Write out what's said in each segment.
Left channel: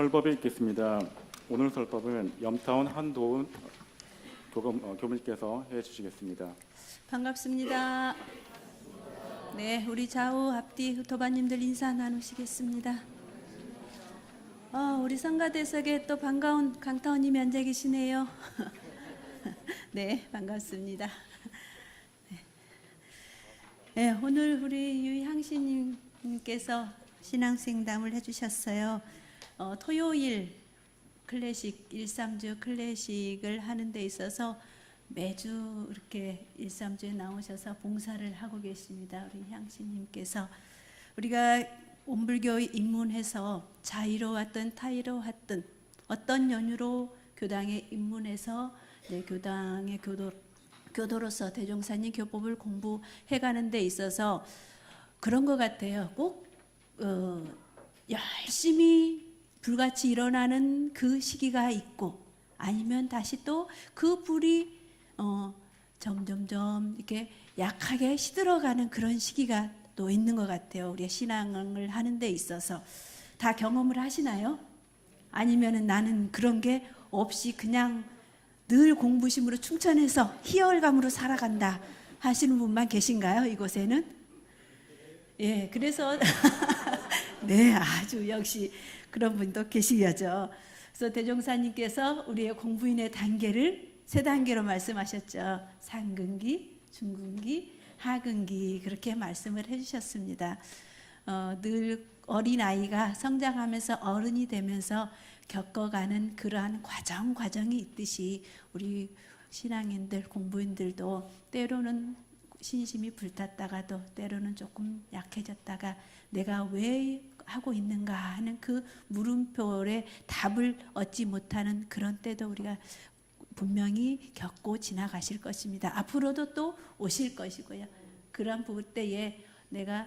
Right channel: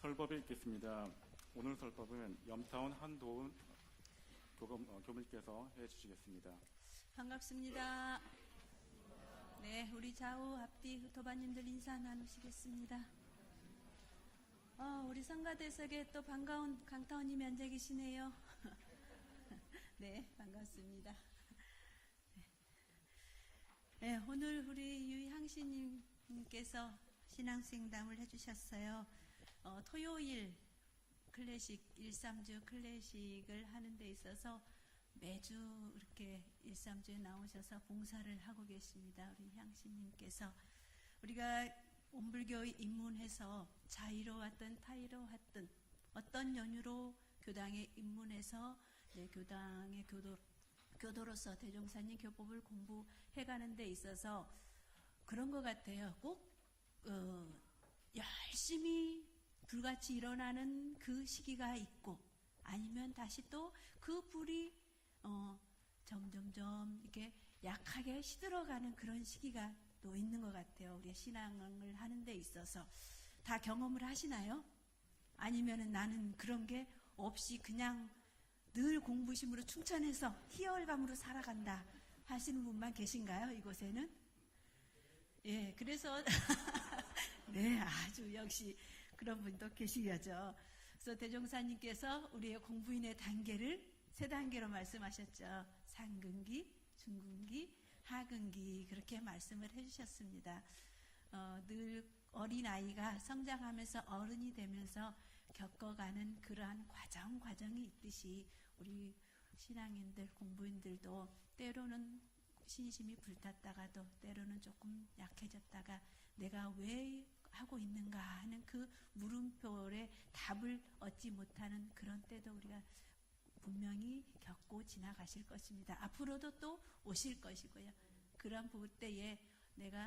설법에 있겠습니다. 오늘 설법은 염타운 한도훈 교무님께서 해주시겠습니다. 반갑습니다. 네, 우리 좌우 앞뒤 도반님들 인사 나누시겠습니다. 우리 성가대석에 또 반가운 강타원님이 앉아 계시네요. 네, 반갑습니다. 네, 오늘 우리 유향신님께서 신앙생담을 해주셨어요. 토요일 클래식 1~3주 클래식을 하는 데 있어서 매주 이렇게 1~3주에 나오셔서 봉사를 하고 계십니다. 우리 향신님께서 우리가 온불교 입문해서 자의로웠든 타의로웠든 어떤 연유로 교당에 입문해서 교당의 교도로서 대종사님 교법을 공부해가는 데 있어서 그런 것 같아요. 꼭 열심히 불같이 일어나는 그 시기가 있고 아니면 다시 또 그 불이 점점점 이렇게 약하게 시들어가는 그런 시기가 또 있는 것 같아요. 우리가 신앙을 하는 데 있어서 다 경험을 하시나요? 아니면은 나는 그런 게 없이 그냥 늘 공부심으로 충천해서 희열감으로 살아간다 하시는 분만 계신가요? 이곳에는? 예, 그래서 네, 아주 역시 그런 분도 계시죠. 그래서 대종사님께서 우리의 공부인의 단계를 3단계로 말씀하셨죠. 상근기, 중근기, 하근기 그렇게 말씀을 해주셨습니다. 늘 어린아이가 성장하면서 어른이 되면서 겪어가는 그러한 과정이 있듯이 우리 신앙인들, 공부인들도 때로는 신심이 불탔다가도 때로는 조금 약해졌다가 내가 왜 하고 있는가 하는 그 물음표에 답을 얻지 못하는 그런 때도 우리가 분명히 겪고 지나가실 것입니다. 앞으로도 또 오실 것이고요. 그런 부분 때에 내가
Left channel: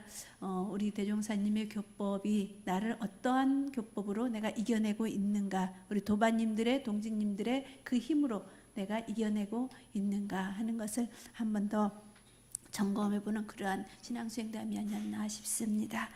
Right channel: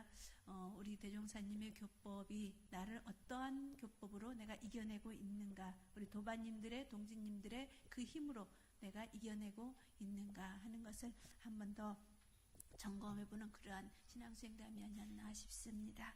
우리 대종사님의 교법이 나를 어떠한 교법으로 내가 이겨내고 있는가, 우리 도반님들의 동직님들의 그 힘으로 내가 이겨내고 있는가 하는 것을 한 번 더 점검해보는 그러한 신앙수행담이 아니었나 싶습니다.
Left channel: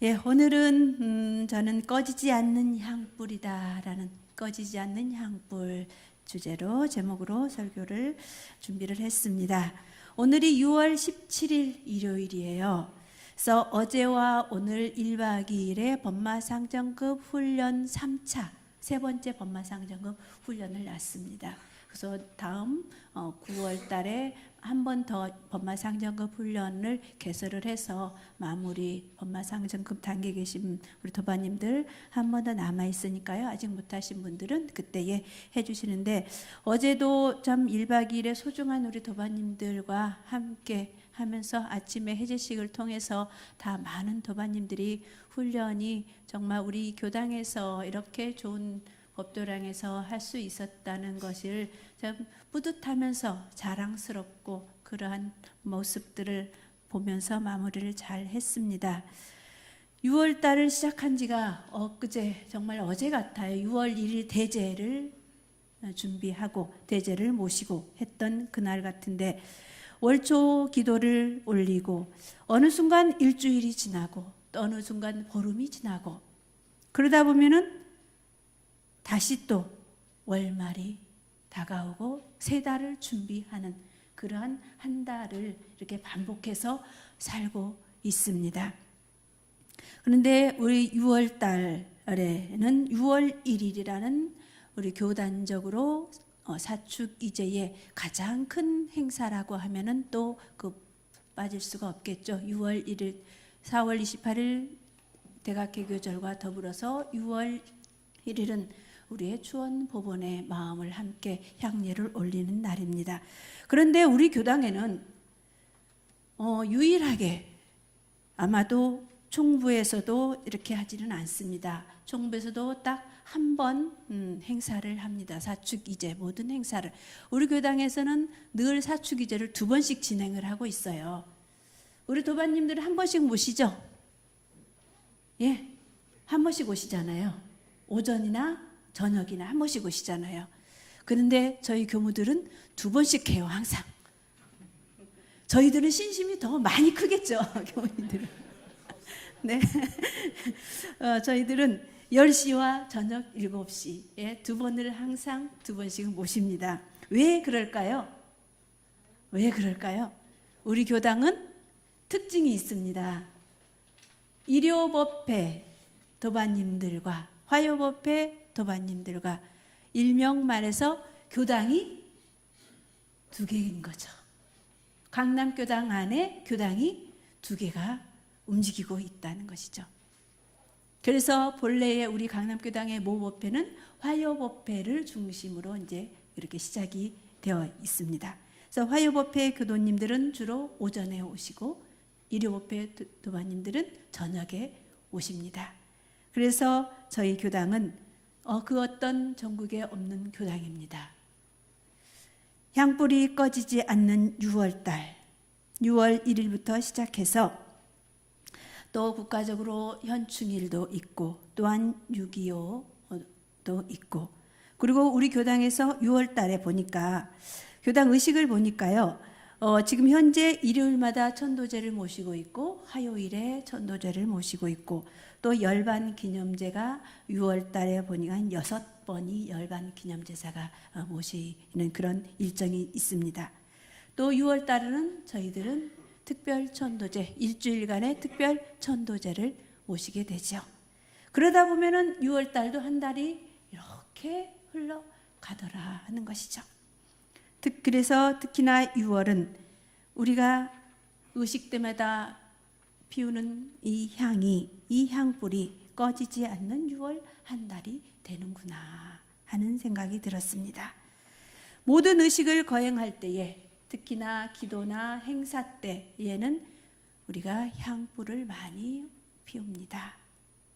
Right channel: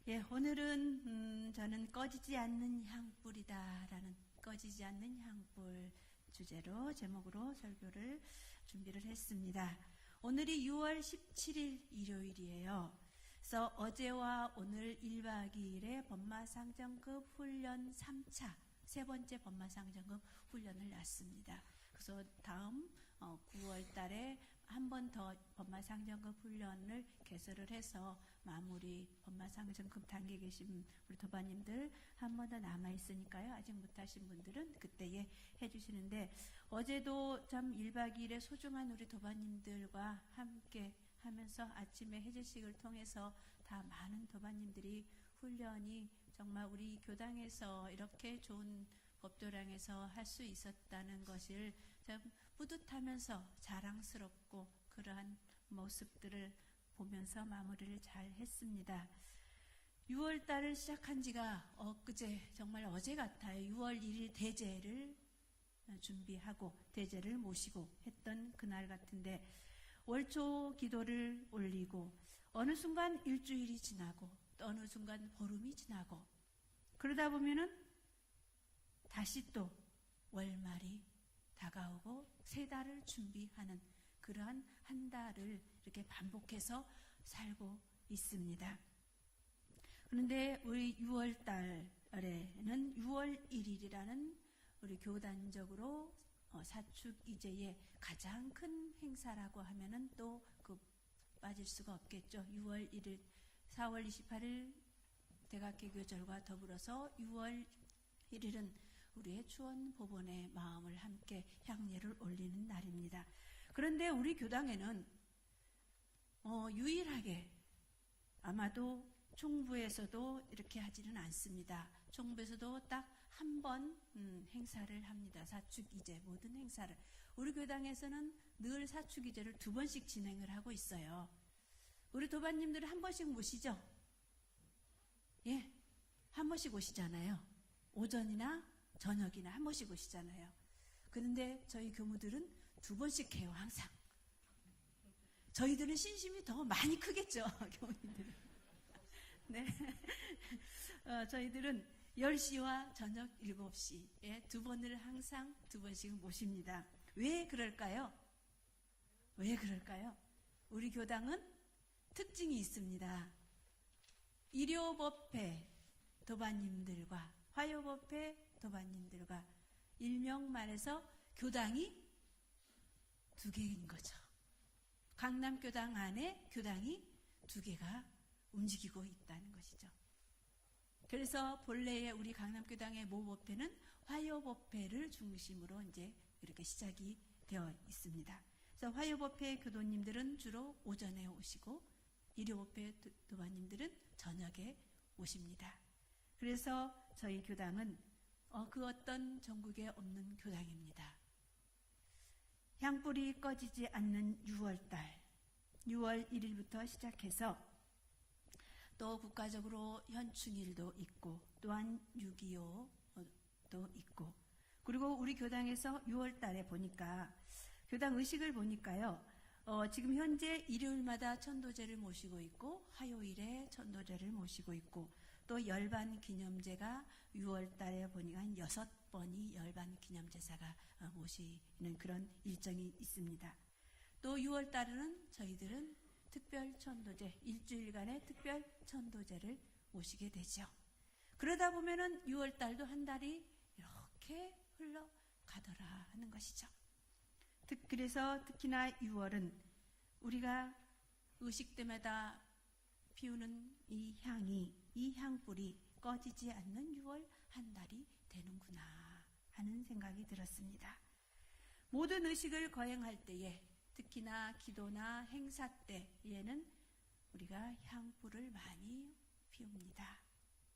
예, 오늘은 저는 꺼지지 않는 향불이다라는 꺼지지 않는 향불 주제로 제목으로 설교를 준비를 했습니다. 오늘이 6월 17일 일요일이에요. 그래서 어제와 오늘 1박 2일의 법마상정급 훈련 3차 세 번째 법마상정급 훈련을 놨습니다. 그래서 다음 9월 달에 한 번 더 법마상정급 훈련을 개설을 해서 마무리 법마상정급 단계에 계신 우리 도반님들 한 번 더 남아 있으니까요. 아직 못하신 분들은 그때에 해주시는데 어제도 참 1박 2일의 소중한 우리 도반님들과 함께 하면서 아침에 해제식을 통해서 다 많은 도반님들이 훈련이 정말 우리 교당에서 이렇게 좋은 법도량에서 할 수 있었다는 것을 참 뿌듯하면서 자랑스럽고 그러한 모습들을 보면서 마무리를 잘 했습니다. 6월 달을 시작한 지가 엊그제 정말 어제 같아요. 6월 1일 대제를 준비하고 대제를 모시고 했던 그날 같은데 월초 기도를 올리고 어느 순간 일주일이 지나고 또 어느 순간 보름이 지나고 그러다 보면은 다시 또 월말이 다가오고 3달을 준비하는 그러한 한 달을 이렇게 반복해서 살고 있습니다. 그런데 우리 6월 달에는 6월 1일이라는 우리 교단적으로 사축이제의 가장 큰 행사라고 하면은 또 그 빠질 수가 없겠죠. 6월 1일, 4월 28일 대각개교절과 더불어서 6월 1일은 우리의 추원 법원의 마음을 함께 향례를 올리는 날입니다. 그런데 우리 교당에는 유일하게 아마도 총부에서도 이렇게 하지는 않습니다. 총부에서도 딱 한 번 행사를 합니다. 사축이제 모든 행사를. 우리 교당에서는 늘 사축이제를 2번씩 진행을 하고 있어요. 우리 도반님들은 한 번씩 모시죠? 예, 한 번씩 오시잖아요. 오전이나 저녁이나 한 번씩 오시잖아요. 그런데 저희 교무들은 2번씩 해요. 항상. 저희들은 신심이 더 많이 크겠죠. 교무님들은. 네, 저희들은 10시와 저녁 7시에 두 번을 항상 두 번씩 모십니다. 왜 그럴까요? 왜 그럴까요? 우리 교당은 특징이 있습니다. 일요법회 도반님들과 화요법회 도반님들과 일명 말해서 교당이 두 개인 거죠. 강남교당 안에 교당이 두 개가 움직이고 있다는 것이죠. 그래서 본래의 우리 강남교당의 모법회는 화요법회를 중심으로 이제 이렇게 시작이 되어 있습니다. 그래서 화요법회 교도님들은 주로 오전에 오시고 일요법회 도반님들은 저녁에 오십니다. 그래서 저희 교당은 그 어떤 전국에 없는 교당입니다. 향불이 꺼지지 않는 6월달 6월 1일부터 시작해서 또 국가적으로 현충일도 있고 또한 6.25도 있고 그리고 우리 교당에서 6월 달에 보니까 교당 의식을 보니까요. 지금 현재 일요일마다 천도제를 모시고 있고 화요일에 천도제를 모시고 있고 또 열반 기념제가 6월 달에 보니까 6번이 열반 기념제사가 모시는 그런 일정이 있습니다. 또 6월 달에는 저희들은 특별 천도제, 일주일간의 특별 천도제를 모시게 되죠. 그러다 보면은 6월 달도 한 달이 이렇게 흘러가더라 하는 것이죠. 그래서 특히나 6월은 우리가 의식 때마다 피우는 이 향이, 이 향불이 꺼지지 않는 6월 한 달이 되는구나 하는 생각이 들었습니다. 모든 의식을 거행할 때에 특히나 기도나 행사 때에는 우리가 향불을 많이 피웁니다.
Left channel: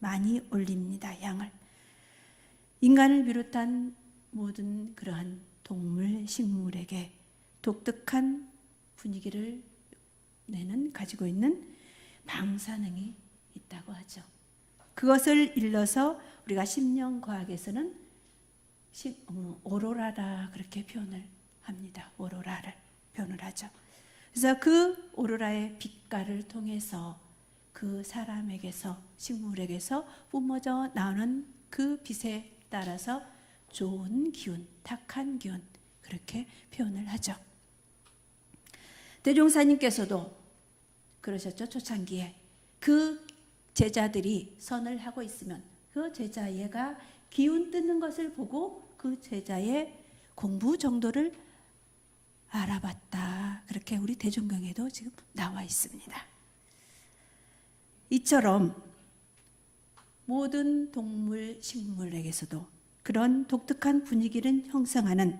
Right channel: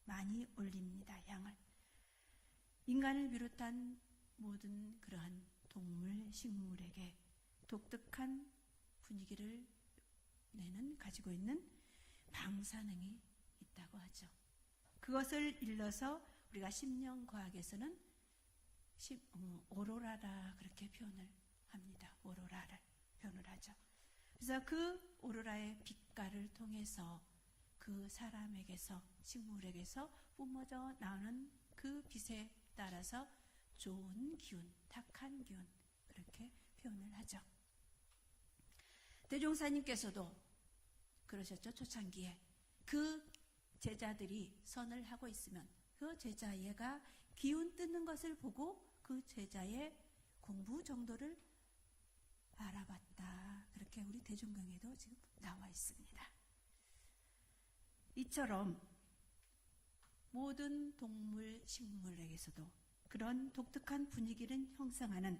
많이 올립니다. 향을. 인간을 비롯한 모든 그러한 동물, 식물에게 독특한 분위기를 가지고 있는 방사능이 있다고 하죠. 그것을 일러서 우리가 심령과학에서는 오로라라 그렇게 표현을 합니다. 오로라를 표현을 하죠. 그래서 그 오로라의 빛깔을 통해서 그 사람에게서 식물에게서 뿜어져 나오는 그 빛에 따라서 좋은 기운, 탁한 기운 그렇게 표현을 하죠. 대종사님께서도 그러셨죠. 초창기에 그 제자들이 선을 하고 있으면 그 제자애가 기운 뜨는 것을 보고 그 제자의 공부 정도를 알아봤다. 그렇게 우리 대종경에도 지금 나와 있습니다. 이처럼 모든 동물, 식물에게서도 그런 독특한 분위기를 형성하는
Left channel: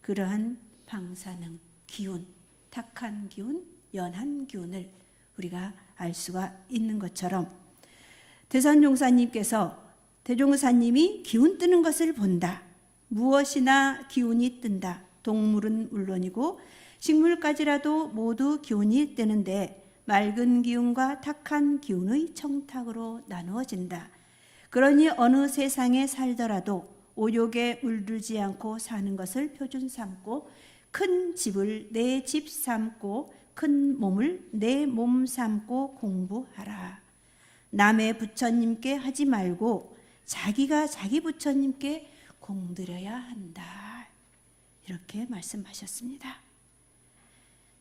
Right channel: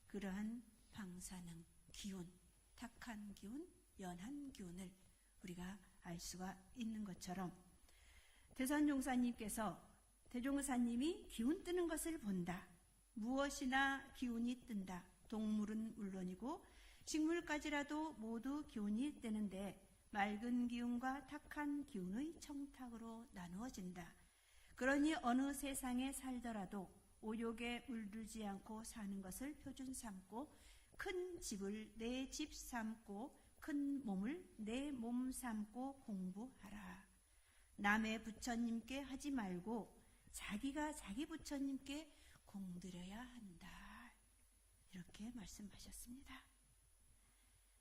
그러한 방사능, 기운, 탁한 기운, 연한 기운을 우리가 알 수가 있는 것처럼 대선종사님께서 대종사님이 기운 뜨는 것을 본다. 무엇이나 기운이 뜬다. 동물은 물론이고 식물까지라도 모두 기운이 뜨는데 맑은 기운과 탁한 기운의 청탁으로 나누어진다. 그러니 어느 세상에 살더라도 오욕에 물들지 않고 사는 것을 표준 삼고 큰 집을 내 집 삼고 큰 몸을 내 몸 삼고 공부하라. 남의 부처님께 하지 말고 자기가 자기 부처님께 공들여야 한다. 이렇게 말씀하셨습니다.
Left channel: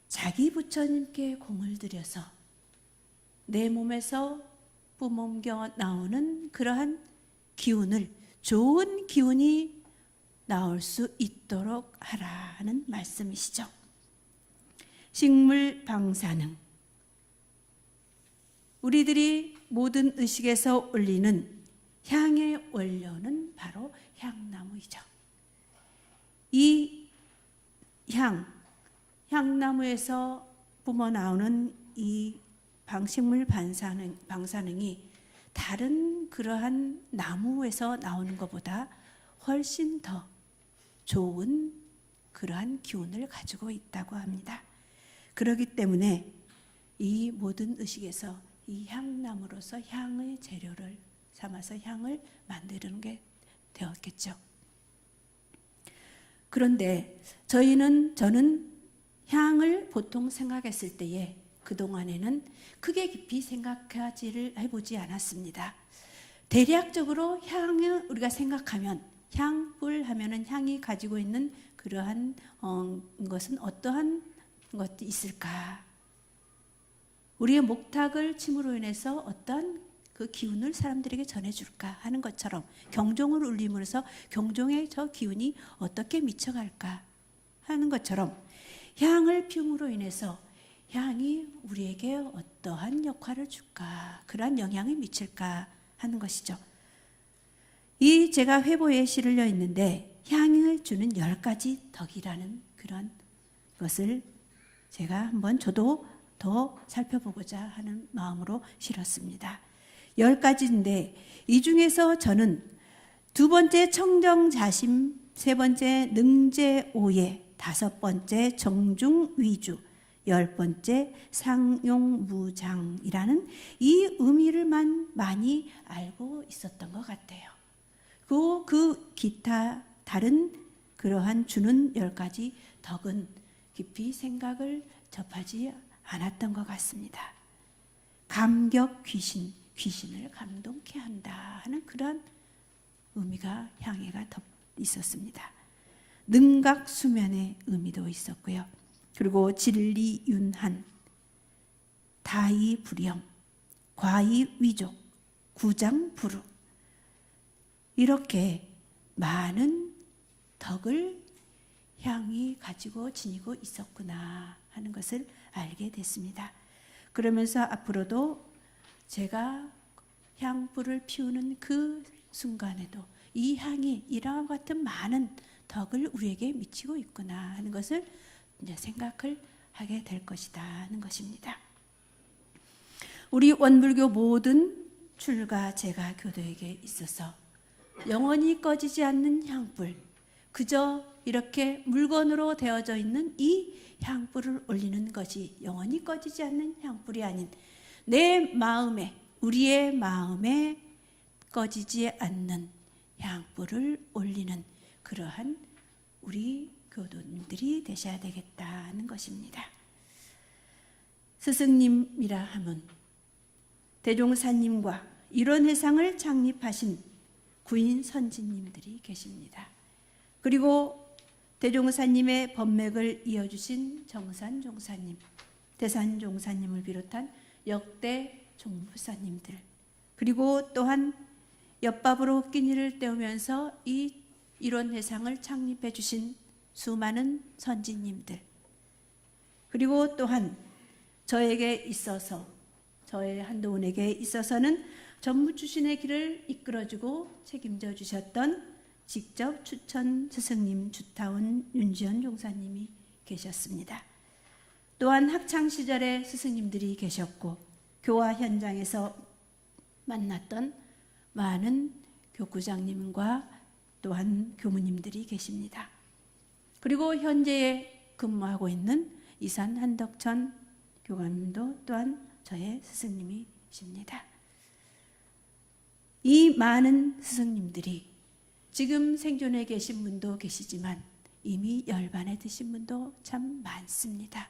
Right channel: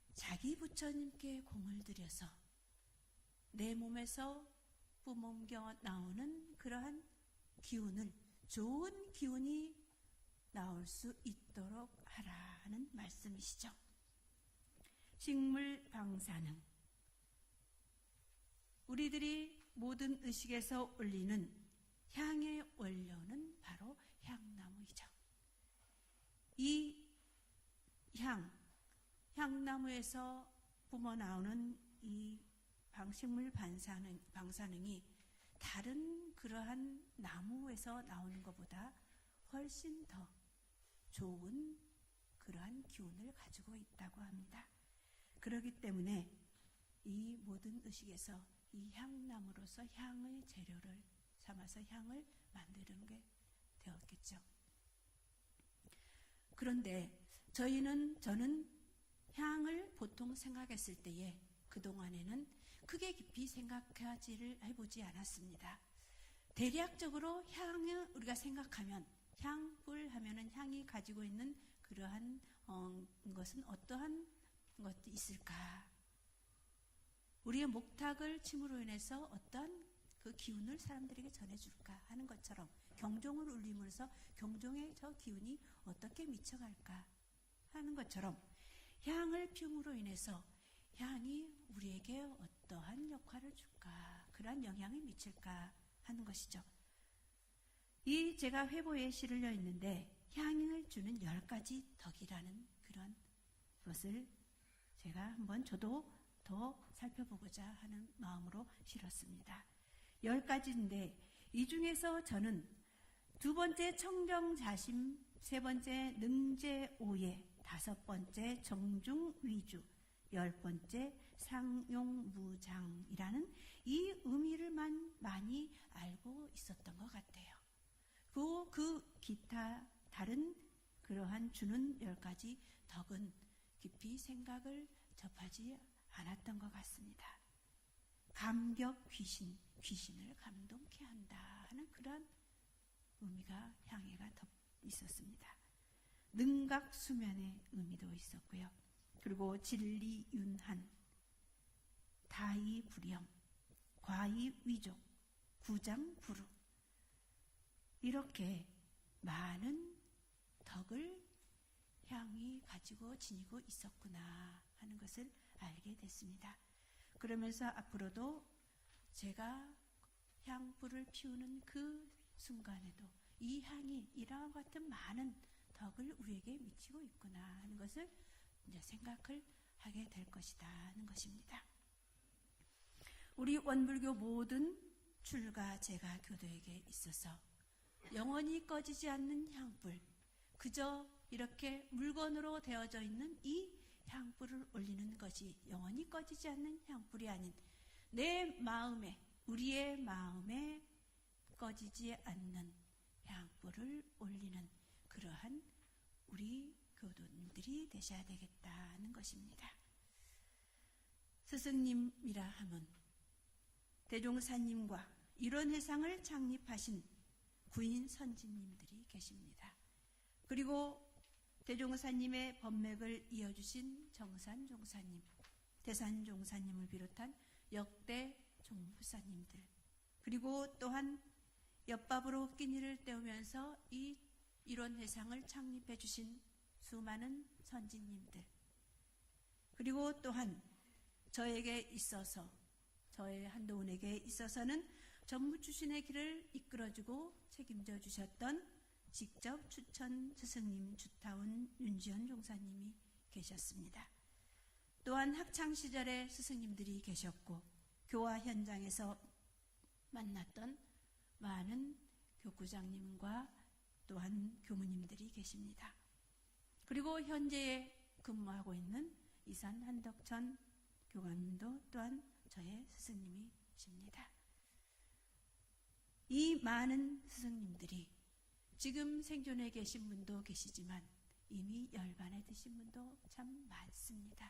자기 부처님께 공을 들여서 내 몸에서 뿜어겨 나오는 그러한 기운을 좋은 기운이 나올 수 있도록 하라는 말씀이시죠. 식물 방사능. 우리들이 모든 의식에서 올리는 향의 원료는 바로 향나무이죠. 이 향나무에서 뿜어 나오는 이 식물 방사능이 다른 그러한 나무에서 나오는 것보다 훨씬 더 좋은 그러한 기운을 가지고 있다고 합니다. 그렇기 때문에 이 모든 의식에서 이 향나무로서 향의 재료를 삼아서 향을 만드는 게 되었겠죠. 그런데 저는 향을 보통 생각했을 때에 그동안에는 크게 깊이 생각하지를 해보지 않았습니다. 대략적으로 향을 우리가 생각하면 향불 하면은 향이 가지고 있는 그러한 것은 어떠한 것이 있을까? 우리의 목탁을 침으로 인해서 어떤 그 기운을 사람들에게 전해줄까 하는 것처럼 경종을 울림으로써 경종의 저 기운이 어떻게 미쳐갈까 하는 것처럼 향을 피움으로 인해서 향이 우리에게 어떠한 역할을 줄까, 그러한 영향을 미칠까 하는 것이죠. 이 제가 회보에 실려 있는데 향을 주는 10가지 덕이라는 그런 것을 제가 한번 저도 더 살펴보고자 하는 마음으로 실었습니다. 10가지인데 이 중에서 저는 2번째 청정자심, 3번째 능제오예, 5번째 정중위주, 10번째 상용무장이라는 이 의미를만 많이 알고 있었던 것 같아요. 그 기타 다른 그러한 주는 10가지 덕은 깊이 생각을 접하지 않았던 것 같습니다. 감격 귀신을 감동케 한다 하는 그런 의미가 향해가 있었습니다. 능각 수면의 의미도 있었고요. 그리고 진리 윤한, 다이 불영, 과이 위족, 구장 불우, 이렇게 많은 덕을 향이 가지고 지니고 있었구나 하는 것을 알게 됐습니다. 그러면서 앞으로도 제가 향불을 피우는 그 순간에도 이 향이 이러한 같은 많은 덕을 우리에게 미치고 있구나 하는 것을 이제 생각을 하게 될 것이다 하는 것입니다. 우리 원불교 모든 출가 제가 교도에게 있어서 영원히 꺼지지 않는 향불, 그저 이렇게 물건으로 되어져 있는 이 향불을 올리는 것이 영원히 꺼지지 않는 향불이 아닌 내 마음에, 우리의 마음에 꺼지지 않는 향불을 올리는 그러한 우리 교도님들이 되셔야 되겠다는 것입니다. 스승님이라 하면 대종사님과 이런 회상을 창립하신 구인 선지님들이 계십니다. 그리고 대종사님의 법맥을 이어주신 정산종사님, 대산종사님을 비롯한 역대 종부사님들, 그리고 또한 엿밥으로 끼니를 때우면서 이 일원회상을 창립해 주신 수많은 선지님들, 그리고 또한 저에게 있어서, 저의 한도훈에게 있어서는 전무추신의 길을 이끌어주고 책임져 주셨던 직접 추천 스승님 주타운 윤지연 종사님이 계셨습니다. 또한 학창시절에 스승님들이 계셨고 교화 현장에서 만났던 많은 교구장님과 또한 교무님들이 계십니다. 그리고 현재에 근무하고 있는 이산 한덕천 교감님도 또한 저의 스승님이십니다. 이 많은 스승님들이 지금 생존해 계신 분도 계시지만 이미 열반에 드신 분도 참 많습니다.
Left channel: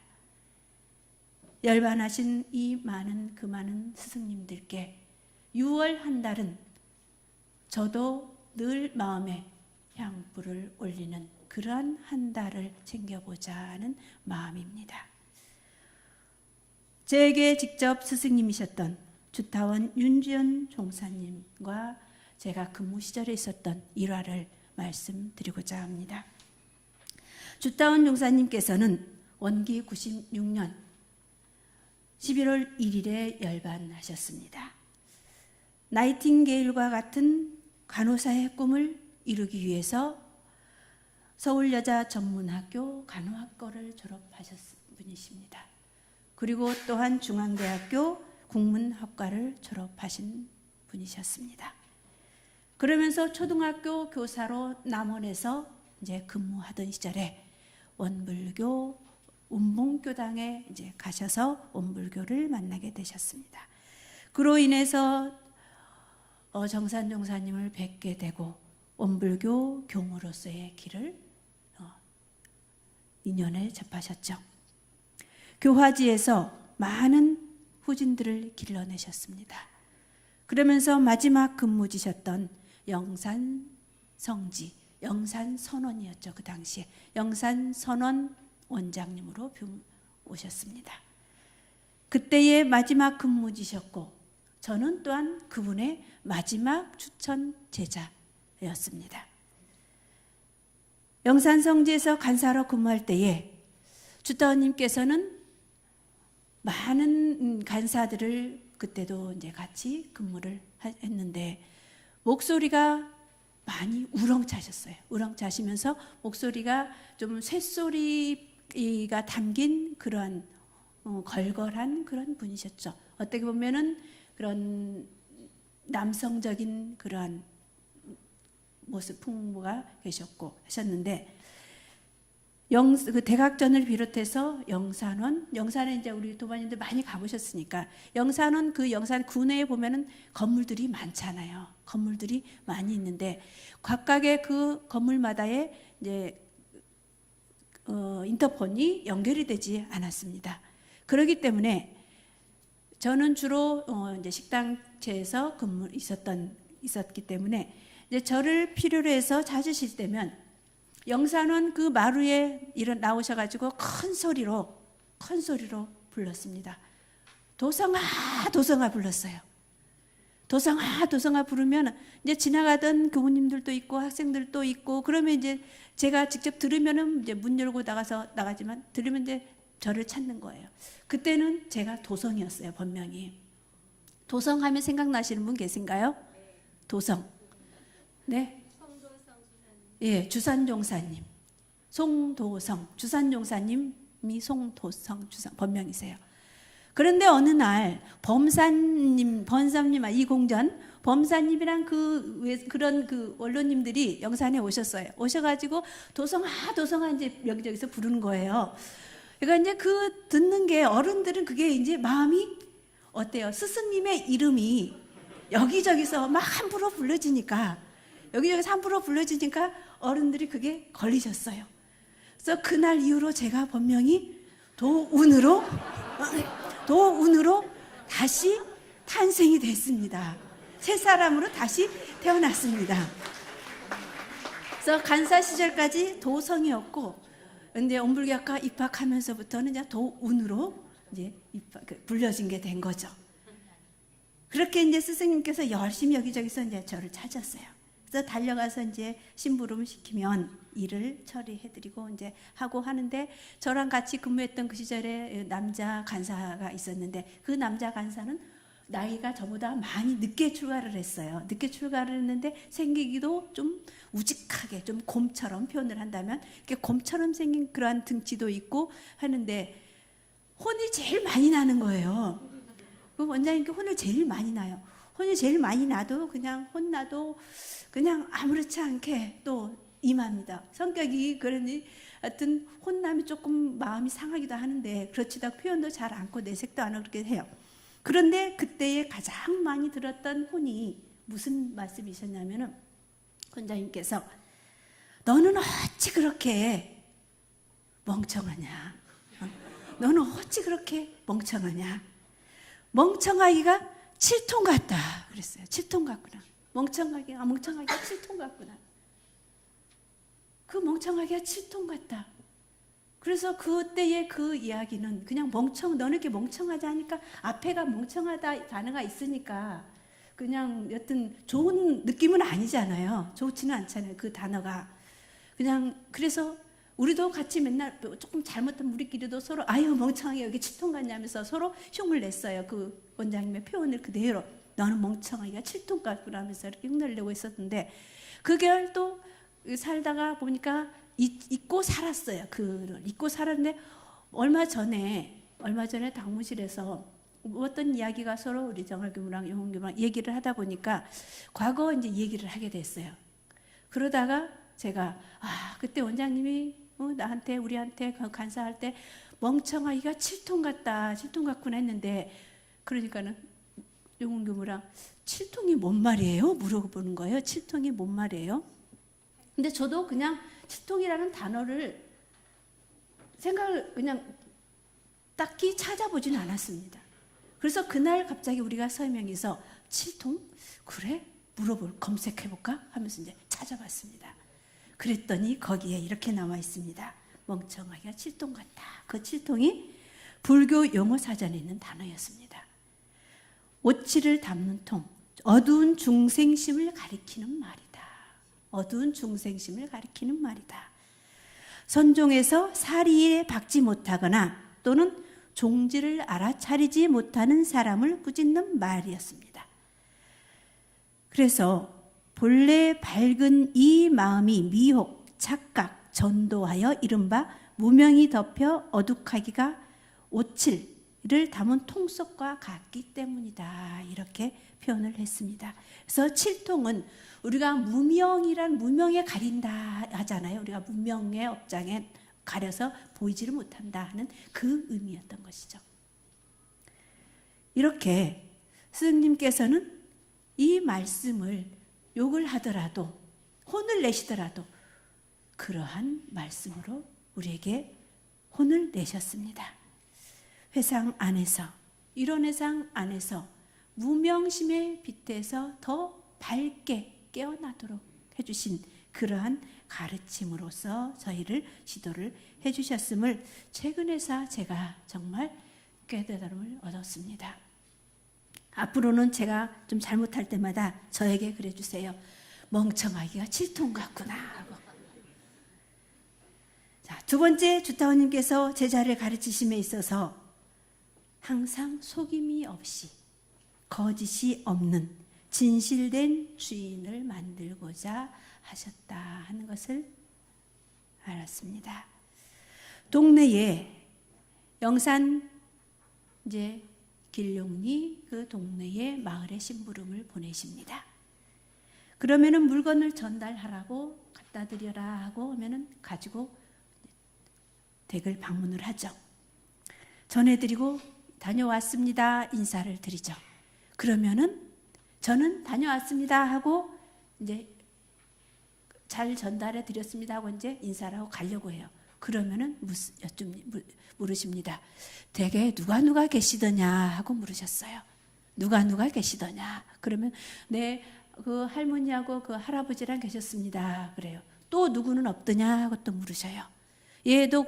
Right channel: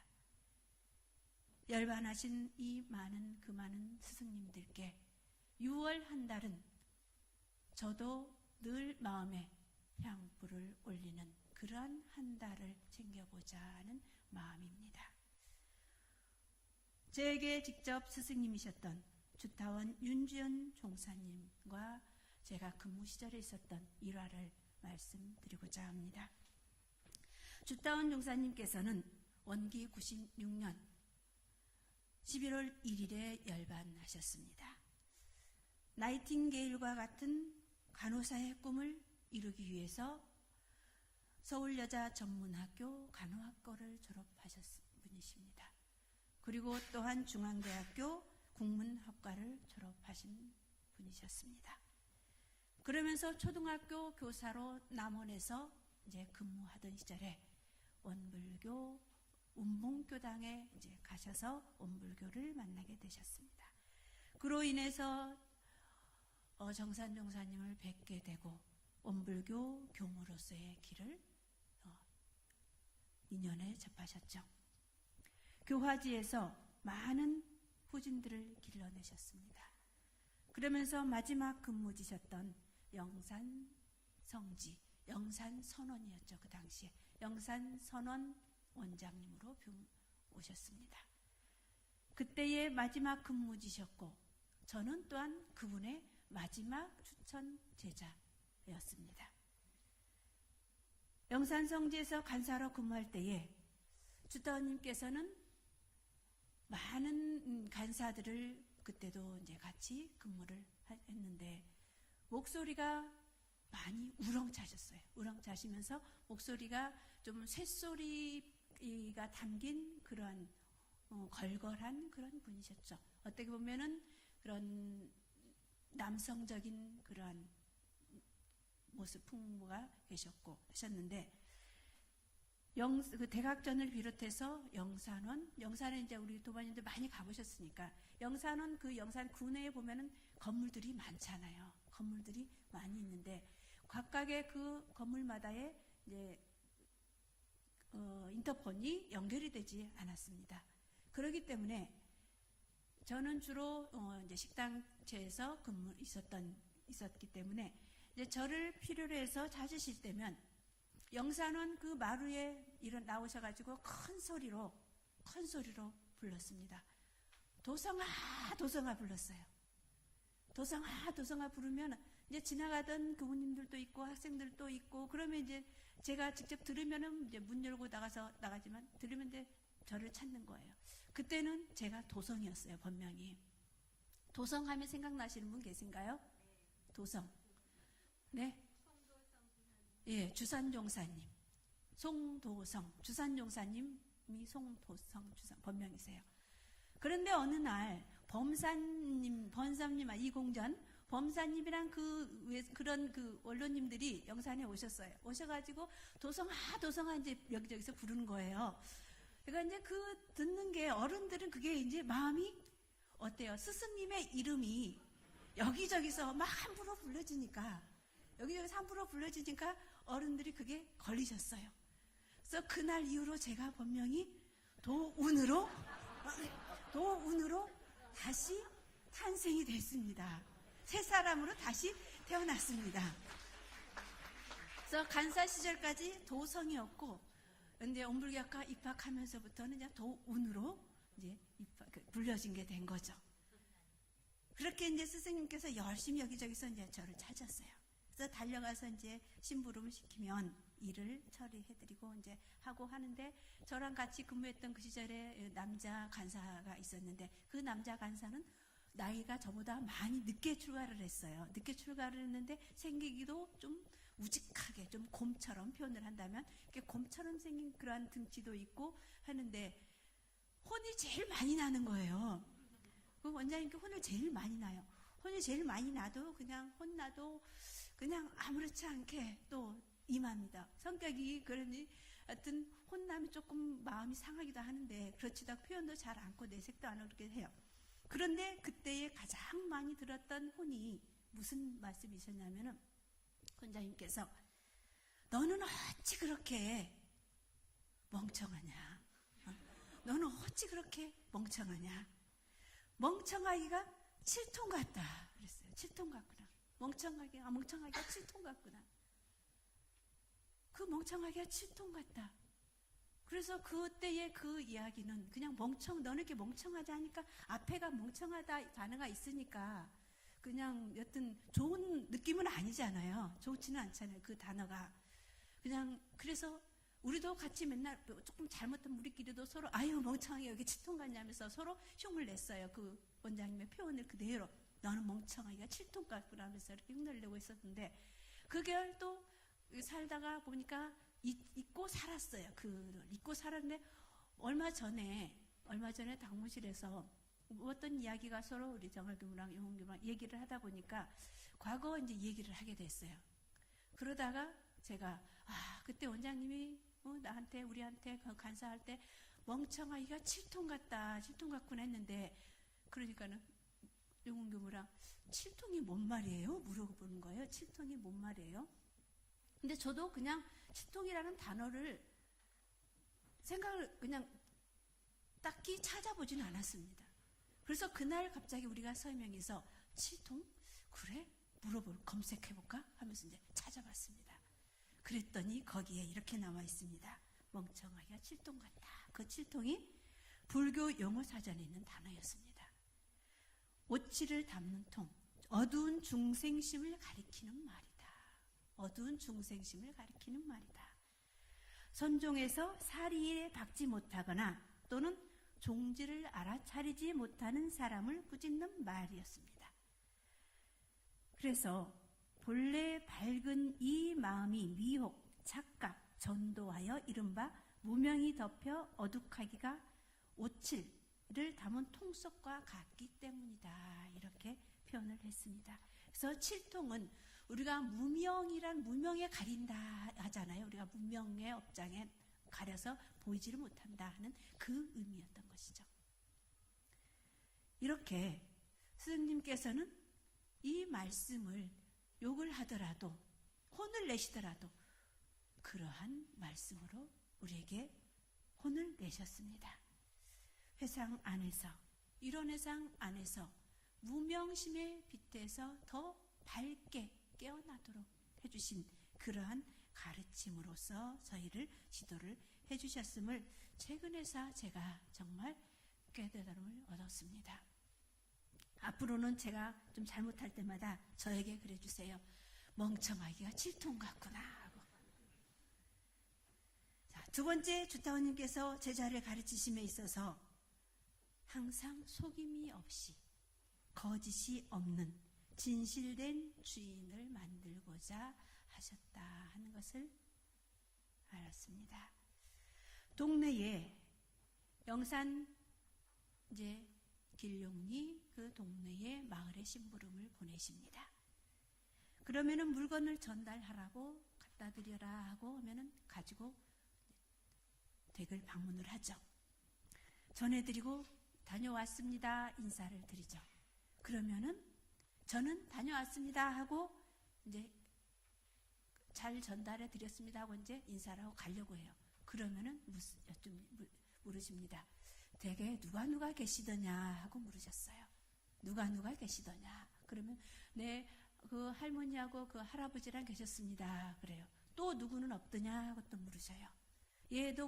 열반하신 이 많은 스승님들께 6월 한 달은 저도 늘 마음에 향불을 올리는 그러한 한 달을 챙겨보자 하는 마음입니다. 제게 직접 스승님이셨던 주타원 윤지연 종사님과 제가 근무 시절에 있었던 일화를 말씀드리고자 합니다. 주타원 종사님께서는 원기 96년 11월 1일에 열반하셨습니다. 나이팅게일과 같은 간호사의 꿈을 이루기 위해서 서울여자전문학교 간호학과를 졸업하셨던 분이십니다. 그리고 또한 중앙대학교 국문학과를 졸업하신 분이셨습니다. 그러면서 초등학교 교사로 남원에서 이제 근무하던 시절에 원불교 운봉교당에 이제 가셔서 원불교를 만나게 되셨습니다. 그로 인해서 정산종사님을 뵙게 되고 원불교 교무로서의 길을 인연에 접하셨죠. 교화지에서 많은 후진들을 길러내셨습니다. 그러면서 마지막 근무지셨던 영산성지, 영산선원이었죠. 그 당시에 영산선원 원장님으로 오셨습니다. 그때의 마지막 근무지셨고 저는 또한 그분의 마지막 추천 제자였습니다. 영산성지에서 간사로 근무할 때에 주다원님께서는 많은 간사들을 그때도 이제 같이 근무를 했는데 목소리가 많이 우렁차셨어요. 우렁차시면서 목소리가 좀 쇳소리가 담긴 그런 걸걸한 그런 분이셨죠. 어떻게 보면은 그런 남성적인 그런 모습 풍부가 계셨고 하셨는데 그 대각전을 비롯해서 영산에 이제 우리 도반님들 많이 가보셨으니까 영산원 그 영산 군내에 보면은 건물들이 많잖아요. 건물들이 많이 있는데 각각의 그 건물마다의 이제 인터폰이 연결이 되지 않았습니다. 그렇기 때문에 저는 주로 이제 식당체에서 있었기 때문에 이제 저를 필요로 해서 찾으실 때면 영산원 그 마루에 나오셔가지고 큰 소리로 불렀습니다. 도성아 도성아 불렀어요. 도성아 도성아 부르면 이제 지나가던 교우님들도 있고 학생들도 있고 그러면 이제 제가 직접 들으면은 이제 문 열고 나가지만 들으면 이제 저를 찾는 거예요. 그때는 제가 도성이었어요. 본명이. 도성하면 생각나시는 분 계신가요? 도성. 네. 예, 주산종사님. 송도성. 주산종사님이 송도성 본명이세요. 그런데 어느 날 범사님 이공전 범사님이랑 그런 언론님들이 영산에 오셨어요. 오셔가지고 도성아 이제 여기저기서 부르는 거예요. 그러니까 이제 듣는 게 어른들은 그게 이제 마음이 어때요? 스승님의 이름이 여기저기서 막 함부로 불러지니까 어른들이 그게 걸리셨어요. 그래서 그날 이후로 제가 본명이 도운으로 다시 탄생이 됐습니다. 새 사람으로 다시 태어났습니다. 그래서 간사 시절까지 도성이었고, 근데 온불교학과 입학하면서부터는 이제 도운으로 이제 불려진 게 된 거죠. 그렇게 이제 스승님께서 열심히 여기저기서 이제 저를 찾았어요. 그래서 달려가서 이제 심부름을 시키면 일을 처리해드리고 이제 하고 하는데 저랑 같이 근무했던 그 시절에 남자 간사가 있었는데 그 남자 간사는 나이가 저보다 많이 늦게 출가를 했어요. 늦게 출가를 했는데 생기기도 좀 우직하게 좀 곰처럼 표현을 한다면 이렇게 곰처럼 생긴 그러한 등치도 있고 하는데 혼이 제일 많이 나는 거예요. 그 원장님께 혼을 제일 많이 나요. 혼이 제일 많이 나도 그냥 혼나도 그냥 아무렇지 않게 또 임합니다. 성격이 그러니 하여튼 혼나면 조금 마음이 상하기도 하는데 그렇지도 않고 표현도 잘 않고 내색도 안 하고 그렇게 해요. 그런데 그때에 가장 많이 들었던 혼이 무슨 말씀이셨냐면은 원장님께서 너는 어찌 그렇게 멍청하냐? 너는 어찌 그렇게 멍청하냐? 멍청하기가 7톤 같다 그랬어요. 7톤 같구나. 멍청하기가 7톤 같구나. 그 멍청하기가 7톤 같다. 그래서 그때의 그 이야기는 그냥 너는 이렇게 멍청하지 하니까 앞에가 멍청하다 단어가 있으니까 그냥 여튼 좋은 느낌은 아니잖아요. 좋지는 않잖아요. 그 단어가. 그냥 그래서 우리도 같이 맨날 조금 잘못한 우리끼리도 서로 아유 멍청하게 여기 7톤 같냐면서 서로 흉을 냈어요. 그 원장님의 표현을 그대로 너는 멍청하기가 7톤 같구나 하면서 이렇게 흉내를 내고 있었는데 그걸 또 살다가 보니까 잊고 살았어요. 잊고 살았는데 얼마 전에 당무실에서 어떤 이야기가 서로 우리 정활교무랑 영혼교무랑 얘기를 하다 보니까 과거 이제 얘기를 하게 됐어요. 그러다가 제가 그때 원장님이 우리한테 간사할 때 멍청하기가 7톤 같구나 했는데 그러니까는 영혼교무랑 7통이 뭔 말이에요? 물어보는 거예요. 7통이 뭔 말이에요? 근데 저도 그냥 7통이라는 단어를 생각을 그냥 딱히 찾아보진 않았습니다. 그래서 그날 갑자기 우리가 설명해서 7통? 그래? 검색해볼까? 하면서 이제 찾아봤습니다. 그랬더니 거기에 이렇게 나와 있습니다. 멍청하기가 7통 같다. 그 7통이 불교 용어 사전에 있는 단어였습니다. 오치를 담는 통, 어두운 중생심을 가리키는 말이다. 어두운 중생심을 가리키는 말이다. 선종에서 사리에 박지 못하거나 또는 종지를 알아차리지 못하는 사람을 꾸짖는 말이었습니다. 그래서 본래 밝은 이 마음이 미혹, 착각, 전도하여 이른바 무명이 덮여 어둑하기가 오칠을 담은 통속과 같기 때문이다. 이렇게 표현을 했습니다. 그래서 칠통은 우리가 무명에 가린다 하잖아요. 우리가 무명의 업장에 가려서 보이지를 못한다 하는 그 의미였던 것이죠. 이렇게 스승님께서는 이 말씀을 욕을 하더라도 혼을 내시더라도 그러한 말씀으로 우리에게 혼을 내셨습니다. 회상 안에서, 이런 회상 안에서 무명심의 빛에서 더 밝게 깨어나도록 해주신 그러한 가르침으로서 저희를 지도를 해주셨음을 최근에서 제가 정말 깨달음을 얻었습니다. 앞으로는 제가 좀 잘못할 때마다 저에게 그래주세요. 멍청하기가 7통 같구나 하고. 자, 두 번째, 주타원님께서 제자를 가르치심에 있어서 항상 속임이 없이 거짓이 없는 진실된 주인을 만들고자 하셨다 하는 것을 알았습니다. 동네에 영산 이제 길룡리 그 동네에 마을에 심부름을 보내십니다. 그러면은 물건을 전달하라고 갖다 드려라 하고 하면은 가지고 댁을 방문을 하죠. 전해드리고 다녀왔습니다 인사를 드리죠. 그러면은 저는 다녀왔습니다 하고 이제 잘 전달해 드렸습니다 하고 이제 인사를 하고 가려고 해요. 그러면은 물으십니다. 댁에 누가 계시더냐 하고 물으셨어요. 누가 계시더냐. 그러면 네, 그 할머니하고 그 할아버지랑 계셨습니다. 그래요. 또 누구는 없더냐 하고 또 물으셔요. 얘도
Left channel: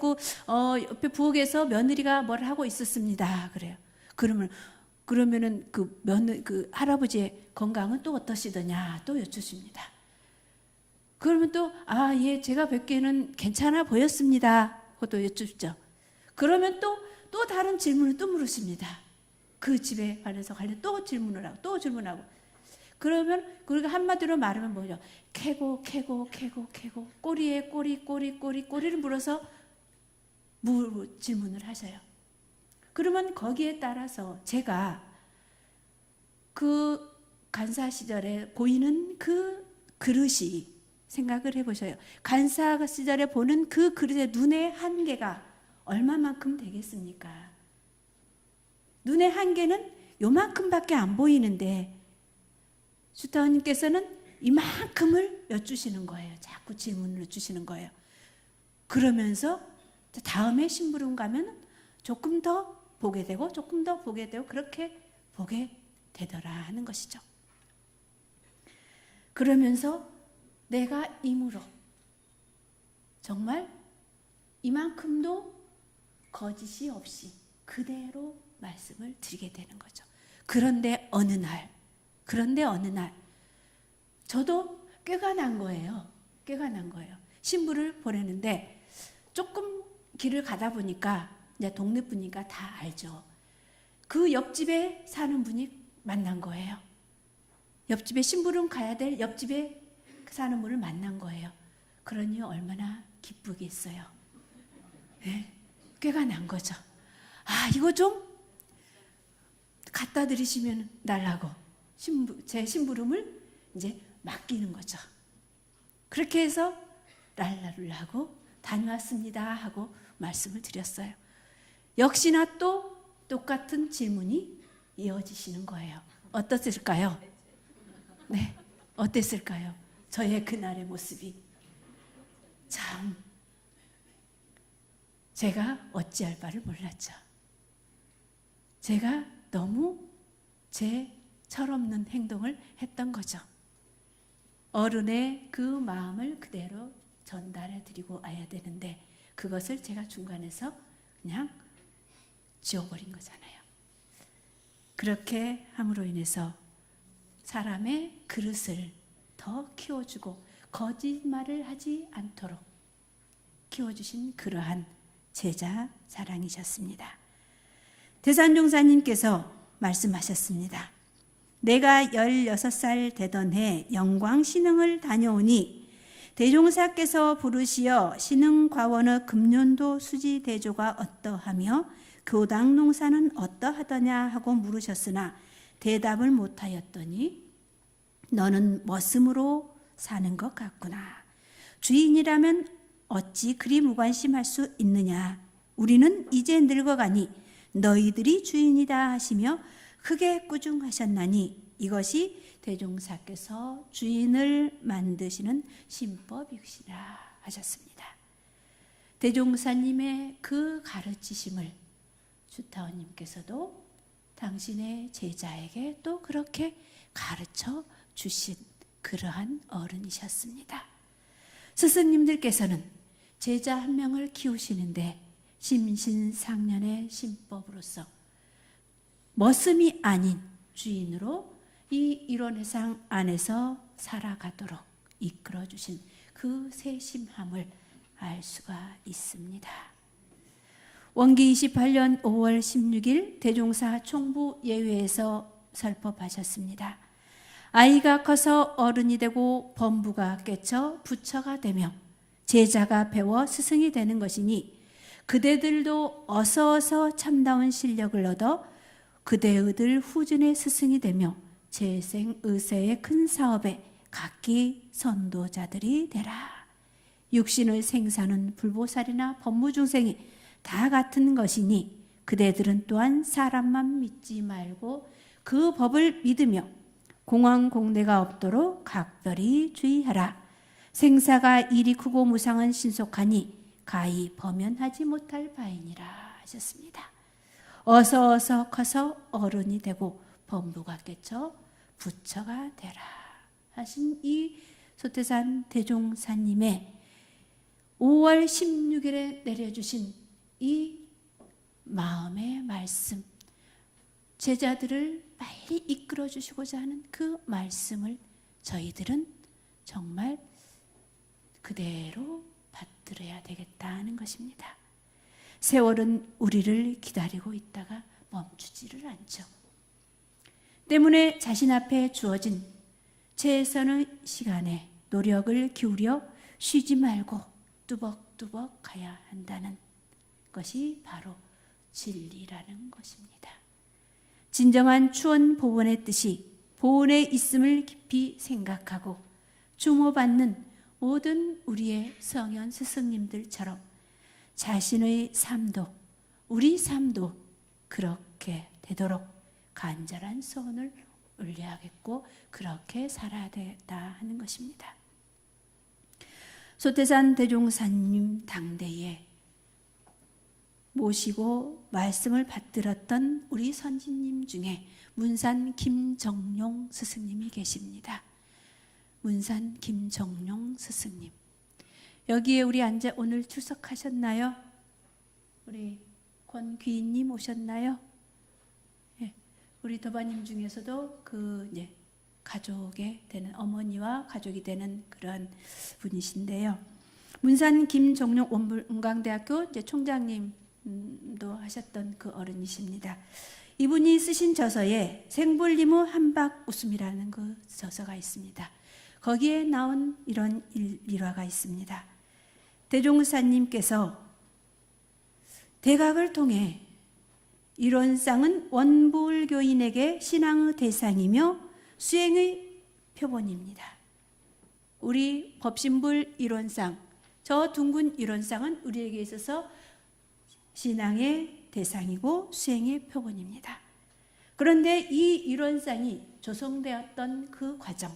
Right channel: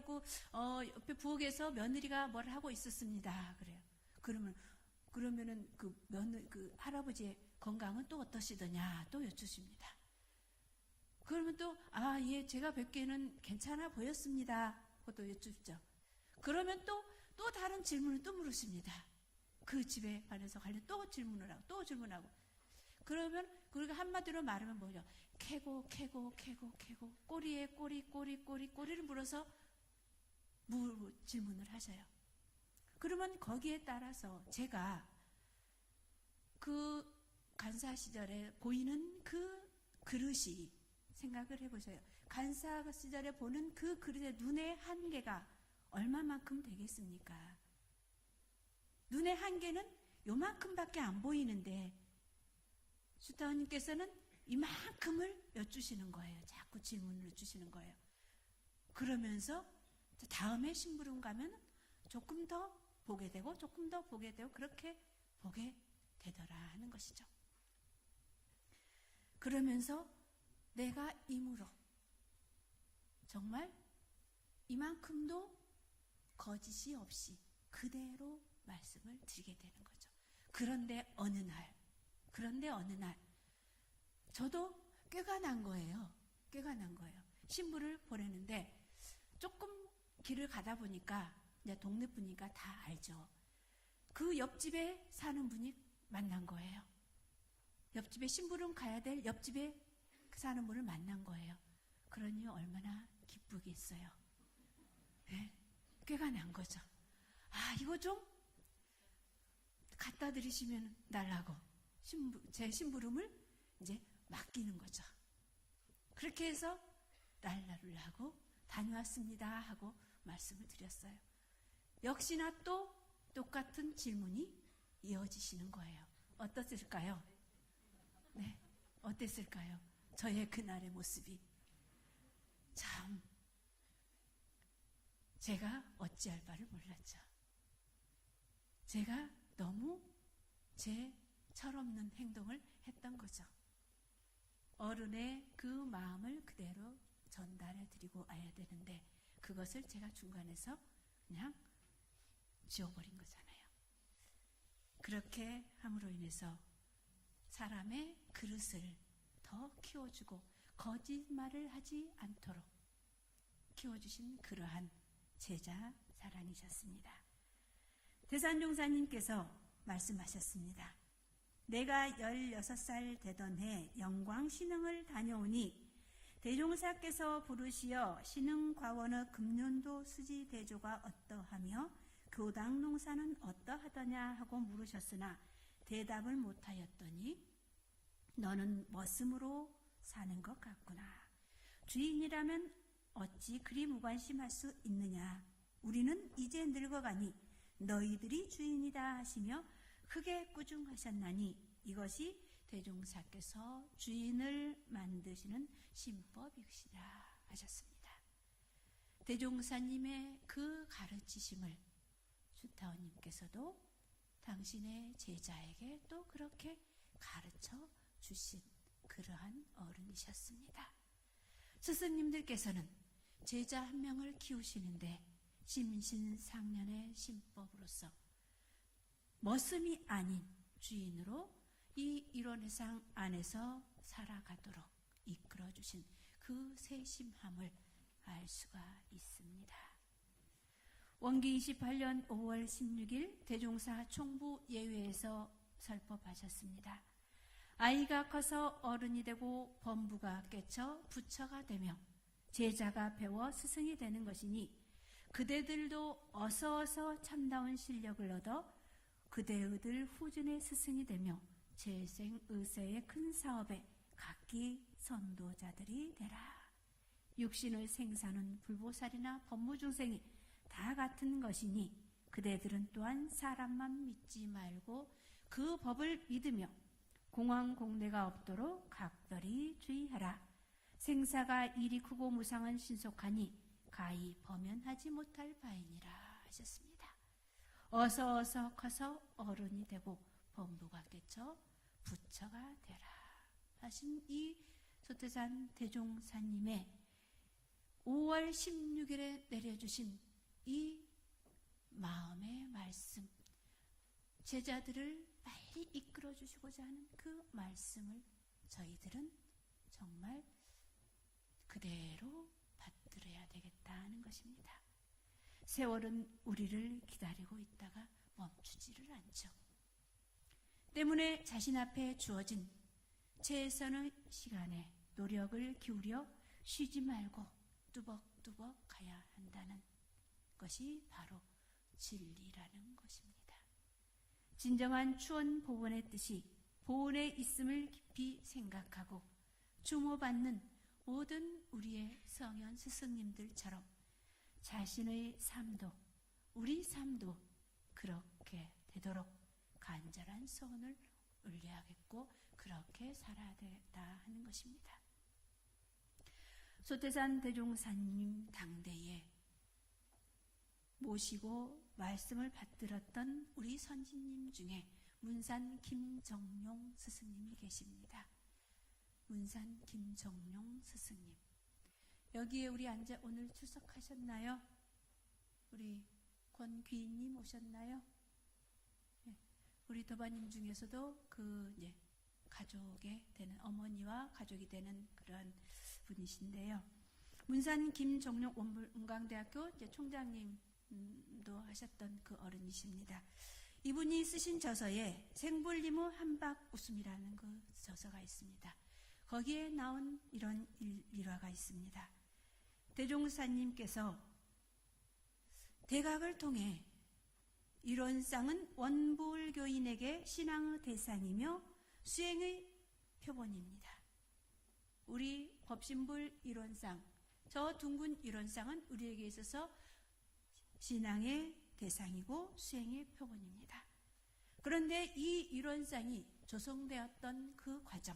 옆에 부엌에서 며느리가 뭘 하고 있었습니다. 그래요. 그러면은 그 할아버지의 건강은 또 어떠시더냐 또 여쭈십니다. 그러면 또 예, 제가 뵙기에는 괜찮아 보였습니다. 그것도 여쭙죠. 그러면 또 다른 질문을 또 물으십니다. 그 집에 관해서 또 질문을 하고 그러면 그리고 한마디로 말하면 뭐죠? 캐고 꼬리에 꼬리를 물어서 질문을 하셔요. 그러면 거기에 따라서 제가 그 간사 시절에 보이는 그 그릇이 생각을 해보셔요. 간사 시절에 보는 그 그릇의 눈의 한계가 얼마만큼 되겠습니까? 눈의 한계는 요만큼밖에 안 보이는데 주타원님께서는 이만큼을 여쭈시는 거예요. 자꾸 질문을 여쭈시는 거예요. 그러면서 다음에 심부름 가면 조금 더 보게 되고 그렇게 보게 되더라 하는 것이죠. 그러면서 내가 임으로 정말 이만큼도 거짓이 없이 그대로 말씀을 드리게 되는 거죠. 그런데 어느 날 저도 꾀가 난 거예요. 신부를 보내는데 조금 길을 가다 보니까 이제 동네 분이니까 다 알죠. 그 옆집에 사는 분이 만난 거예요. 옆집에 심부름 가야 될 옆집에 사는 분을 만난 거예요. 그러니 얼마나 기쁘겠어요. 네? 꾀가 난 거죠. 이거 좀 갖다 드리시면 달라고 제 심부름을 이제 맡기는 거죠. 그렇게 해서 랄라를 하고 다녀왔습니다 하고 말씀을 드렸어요. 역시나 또 똑같은 질문이 이어지시는 거예요. 어떻을까요? 네, 어땠을까요? 저의 그날의 모습이 참 제가 어찌할 바를 몰랐죠. 제가 너무 제 철없는 행동을 했던 거죠. 어른의 그 마음을 그대로 전달해 드리고 와야 되는데 그것을 제가 중간에서 그냥 지워버린 거잖아요. 그렇게 함으로 인해서 사람의 그릇을 더 키워주고 거짓말을 하지 않도록 키워주신 그러한 제자 사랑이셨습니다. 대산종사님께서 말씀하셨습니다. 내가 16살 되던 해 영광 신흥을 다녀오니 대종사께서 부르시어 신흥과원의 금년도 수지 대조가 어떠하며 교당 농사는 어떠하더냐 하고 물으셨으나 대답을 못하였더니 너는 머슴으로 사는 것 같구나. 주인이라면 어찌 그리 무관심할 수 있느냐. 우리는 이제 늙어가니 너희들이 주인이다 하시며 크게 꾸중하셨나니 이것이 대종사께서 주인을 만드시는 신법이시라 하셨습니다. 대종사님의 그 가르치심을 주타원님께서도 당신의 제자에게 또 그렇게 가르쳐 주신 그러한 어른이셨습니다. 스승님들께서는 제자 한 명을 키우시는데 심신상련의 신법으로서 머슴이 아닌 주인으로 이 일원회상 안에서 살아가도록 이끌어주신 그 세심함을 알 수가 있습니다. 원기 28년 5월 16일 대종사 총부 예회에서 설법하셨습니다. 아이가 커서 어른이 되고 범부가 깨쳐 부처가 되며 제자가 배워 스승이 되는 것이니 그대들도 어서 참다운 실력을 얻어 그대의들 후준의 스승이 되며 재생의세의 큰 사업에 각기 선도자들이 되라. 육신의 생사는 불보살이나 법무중생이 다 같은 것이니 그대들은 또한 사람만 믿지 말고 그 법을 믿으며 공황공대가 없도록 각별히 주의하라. 생사가 이리 크고 무상은 신속하니 가히 범연하지 못할 바이니라 하셨습니다. 어서 커서 어른이 되고 범부가 깨쳐 부처가 되라 하신 이 소태산 대종사님의 5월 16일에 내려주신 이 마음의 말씀, 제자들을 빨리 이끌어 주시고자 하는 그 말씀을 저희들은 정말 그대로 받들어야 되겠다는 것입니다. 세월은 우리를 기다리고 있다가 멈추지를 않죠. 때문에 자신 앞에 주어진 최선의 시간에 노력을 기울여 쉬지 말고 뚜벅뚜벅 가야 한다는 것이 바로 진리라는 것입니다. 진정한 추원 보원의 뜻이 보원에 있음을 깊이 생각하고 주모받는 모든 우리의 성현 스승님들처럼 자신의 삶도 우리 삶도 그렇게 되도록 간절한 소원을 올려야겠고 그렇게 살아야 되겠다 하는 것입니다. 소태산 대종사님 당대에 모시고 말씀을 받들었던 우리 선지님 중에 문산 김정용 스승님이 계십니다. 문산 김정용 스승님. 여기에 우리 앉아 오늘 출석하셨나요? 우리 권귀인님 오셨나요? 네. 우리 도바님 중에서도 그 가족에 되는 어머니와 가족이 되는 그런 분이신데요. 문산 김정용 원광대학교 총장님도 하셨던 그 어른이십니다. 이분이 쓰신 저서에 생불리무 한박 웃음이라는 그 저서가 있습니다. 거기에 나온 이런 일화가 있습니다. 대종사님께서 대각을 통해 이론상은 원불교인에게 신앙의 대상이며 수행의 표본입니다. 우리 법신불 이론상, 저 둥근 이론상은 우리에게 있어서 신앙의 대상이고 수행의 표본입니다. 그런데 이 이론상이 조성되었던 그 과정,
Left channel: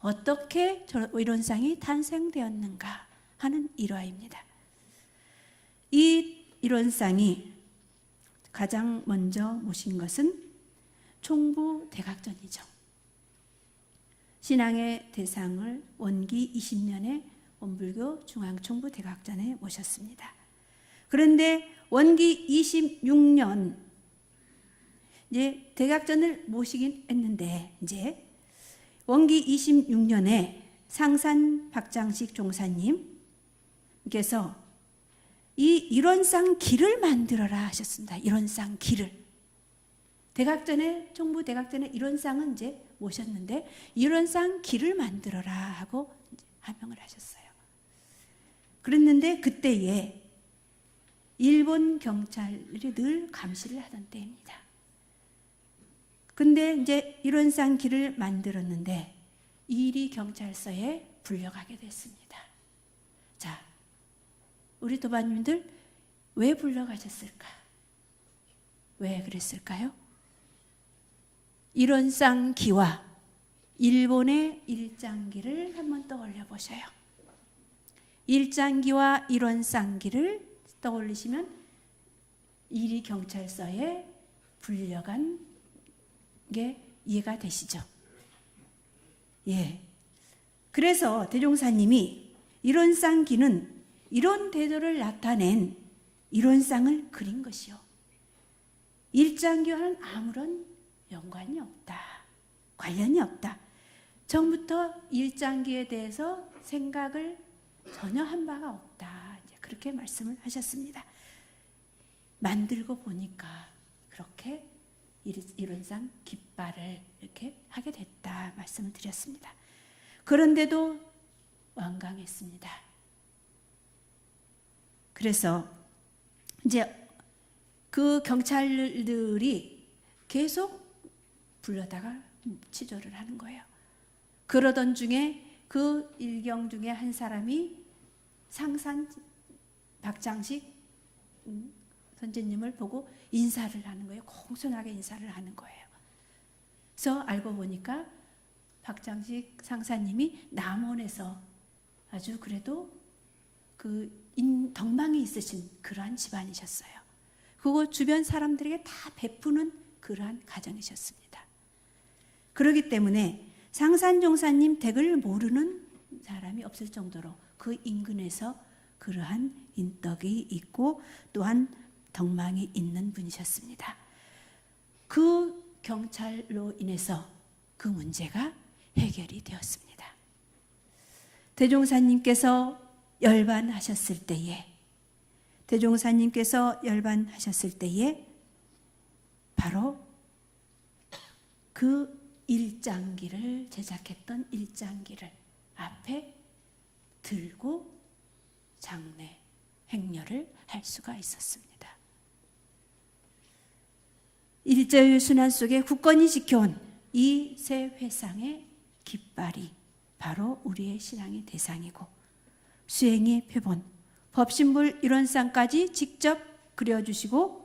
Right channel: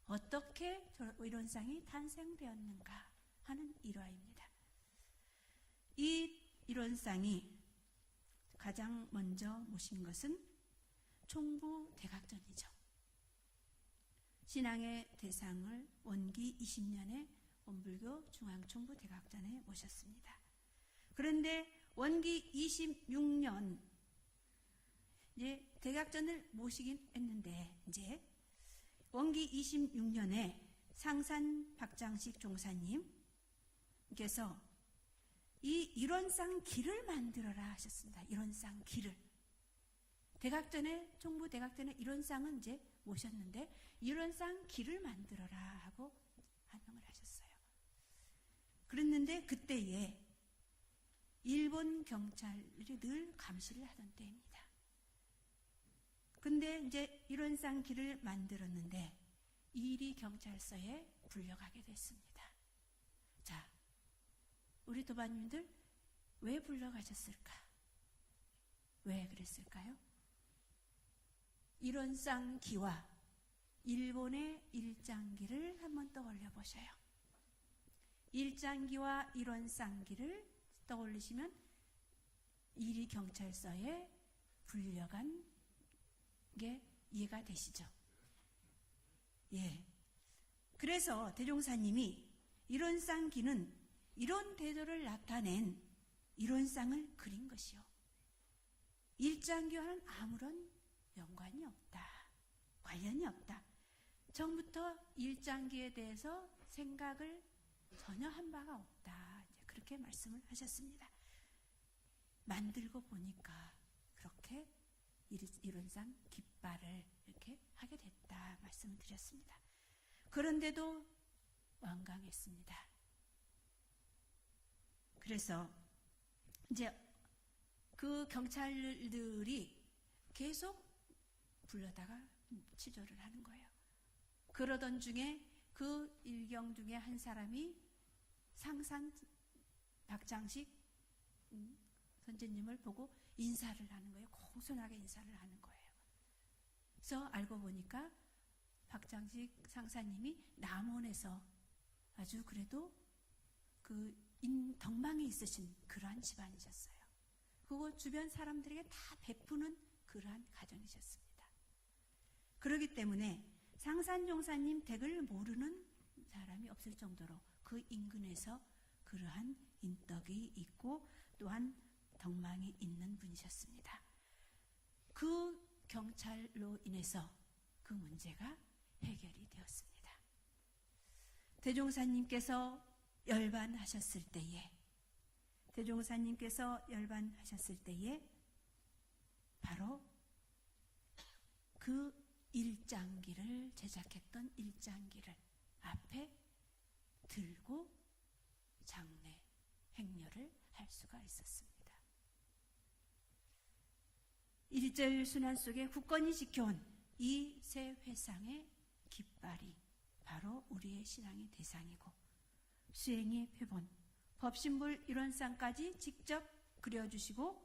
어떻게 이론상이 탄생되었는가 하는 일화입니다. 이 이론상이 가장 먼저 모신 것은 총부 대각전이죠. 신앙의 대상을 원기 20년에 원불교 중앙총부 대각전에 모셨습니다. 그런데 원기 26년 이제 대각전을 모시긴 했는데 이제 원기 26년에 상산 박장식 종사님께서 이 일원상 길을 만들어라 하셨습니다. 일원상 길을. 대각전에 총부 대각전에 일원상은 이제 모셨는데 일원상 길을 만들어라 하고 하명을 하셨어요. 그랬는데 그때에 일본 경찰이 늘 감시를 하던 때입니다. 근데 이제 일원상 길을 만들었는데 이리 경찰서에 불려가게 됐습니다. 자, 우리 도반님들 왜 불려가셨을까? 왜 그랬을까요? 일원상 기와 일본의 일장기를 한번 떠올려 보셔요. 일장기와 일원상기를 떠올리시면 이리 경찰서에 불려간 게 이해가 되시죠? 예. 그래서 대종사님이 일원상기는 이런 태도를 나타낸 일원상을 그린 것이요. 일장기와는 아무런 연관이 없다. 관련이 없다. 처음부터 일장기에 대해서 생각을 전혀 한 바가 없다. 그렇게 말씀을 하셨습니다. 만들고 보니까 그렇게 일원상 깃발을 이렇게 하게 됐다 말씀을 드렸습니다. 그런데도 완강했습니다. 그래서 이제 그 경찰들이 계속 불러다가 치조를 하는 거예요. 그러던 중에 그 일경 중에 한 사람이 상산 박장식 선생님을 보고 인사를 하는 거예요. 공손하게 인사를 하는 거예요. 그래서 알고 보니까 박장식 상사님이 남원에서 아주 그래도 그 덕망이 있으신 그러한 집안이셨어요. 그거 주변 사람들에게 다 베푸는 그러한 가정이셨습니다. 그렇기 때문에 상산종사님 댁을 모르는 사람이 없을 정도로 그 인근에서 그러한 인덕이 있고 또한 덕망이 있는 분이셨습니다. 그 경찰로 인해서 그 문제가 해결이 되었습니다. 대종사님께서 열반하셨을 때에 바로 그 일장기를 제작했던 일장기를 앞에 들고 장례 행렬을 할 수가 있었습니다. 일제의 순환 속에 굳건히 지켜온 이 세 회상의 깃발이 바로 우리의 신앙의 대상이고 수행의 표본, 법신불 일원상까지 직접 그려주시고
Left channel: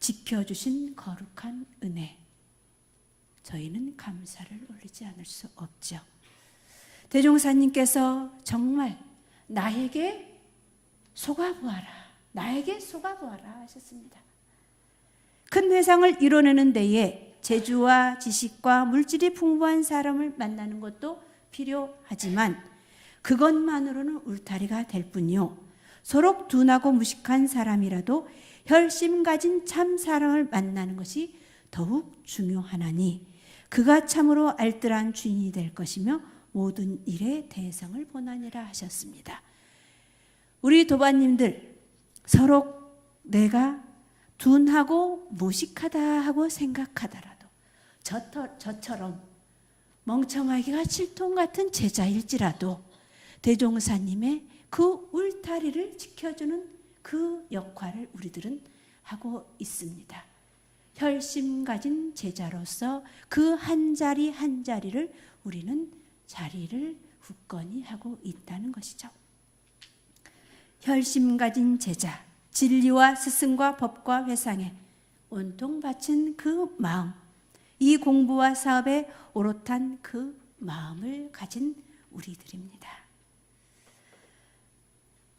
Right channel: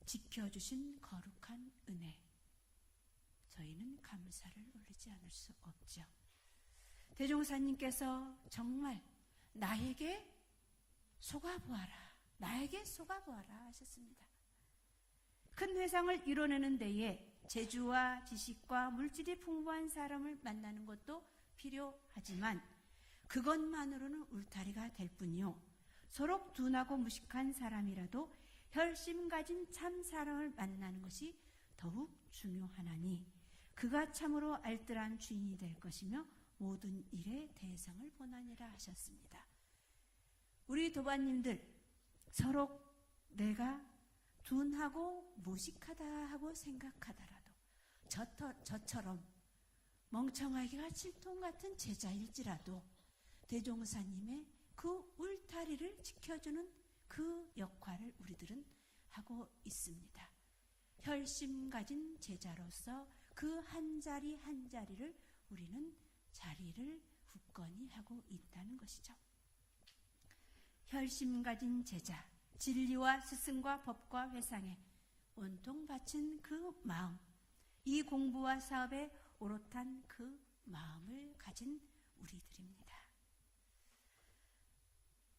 지켜주신 거룩한 은혜, 저희는 감사를 올리지 않을 수 없죠. 대종사님께서 정말 나에게 속아보아라, 나에게 속아보아라 하셨습니다. 큰 회상을 이뤄내는 데에 재주와 지식과 물질이 풍부한 사람을 만나는 것도 필요하지만 그것만으로는 울타리가 될 뿐이요. 서로 둔하고 무식한 사람이라도 혈심 가진 참 사람을 만나는 것이 더욱 중요하나니 그가 참으로 알뜰한 주인이 될 것이며 모든 일에 대성을 보나니라 하셨습니다. 우리 도반님들 서로 내가 둔하고 무식하다 하고 생각하더라도 저처럼 멍청하기가 칠통 같은 제자일지라도 대종사님의 그 울타리를 지켜주는 그 역할을 우리들은 하고 있습니다. 혈심 가진 제자로서 그 한 자리 한 자리를 우리는 자리를 굳건히 하고 있다는 것이죠. 혈심 가진 제자, 진리와 스승과 법과 회상에 온통 바친 그 마음, 이 공부와 사업에 오롯한 그 마음을 가진 우리들입니다.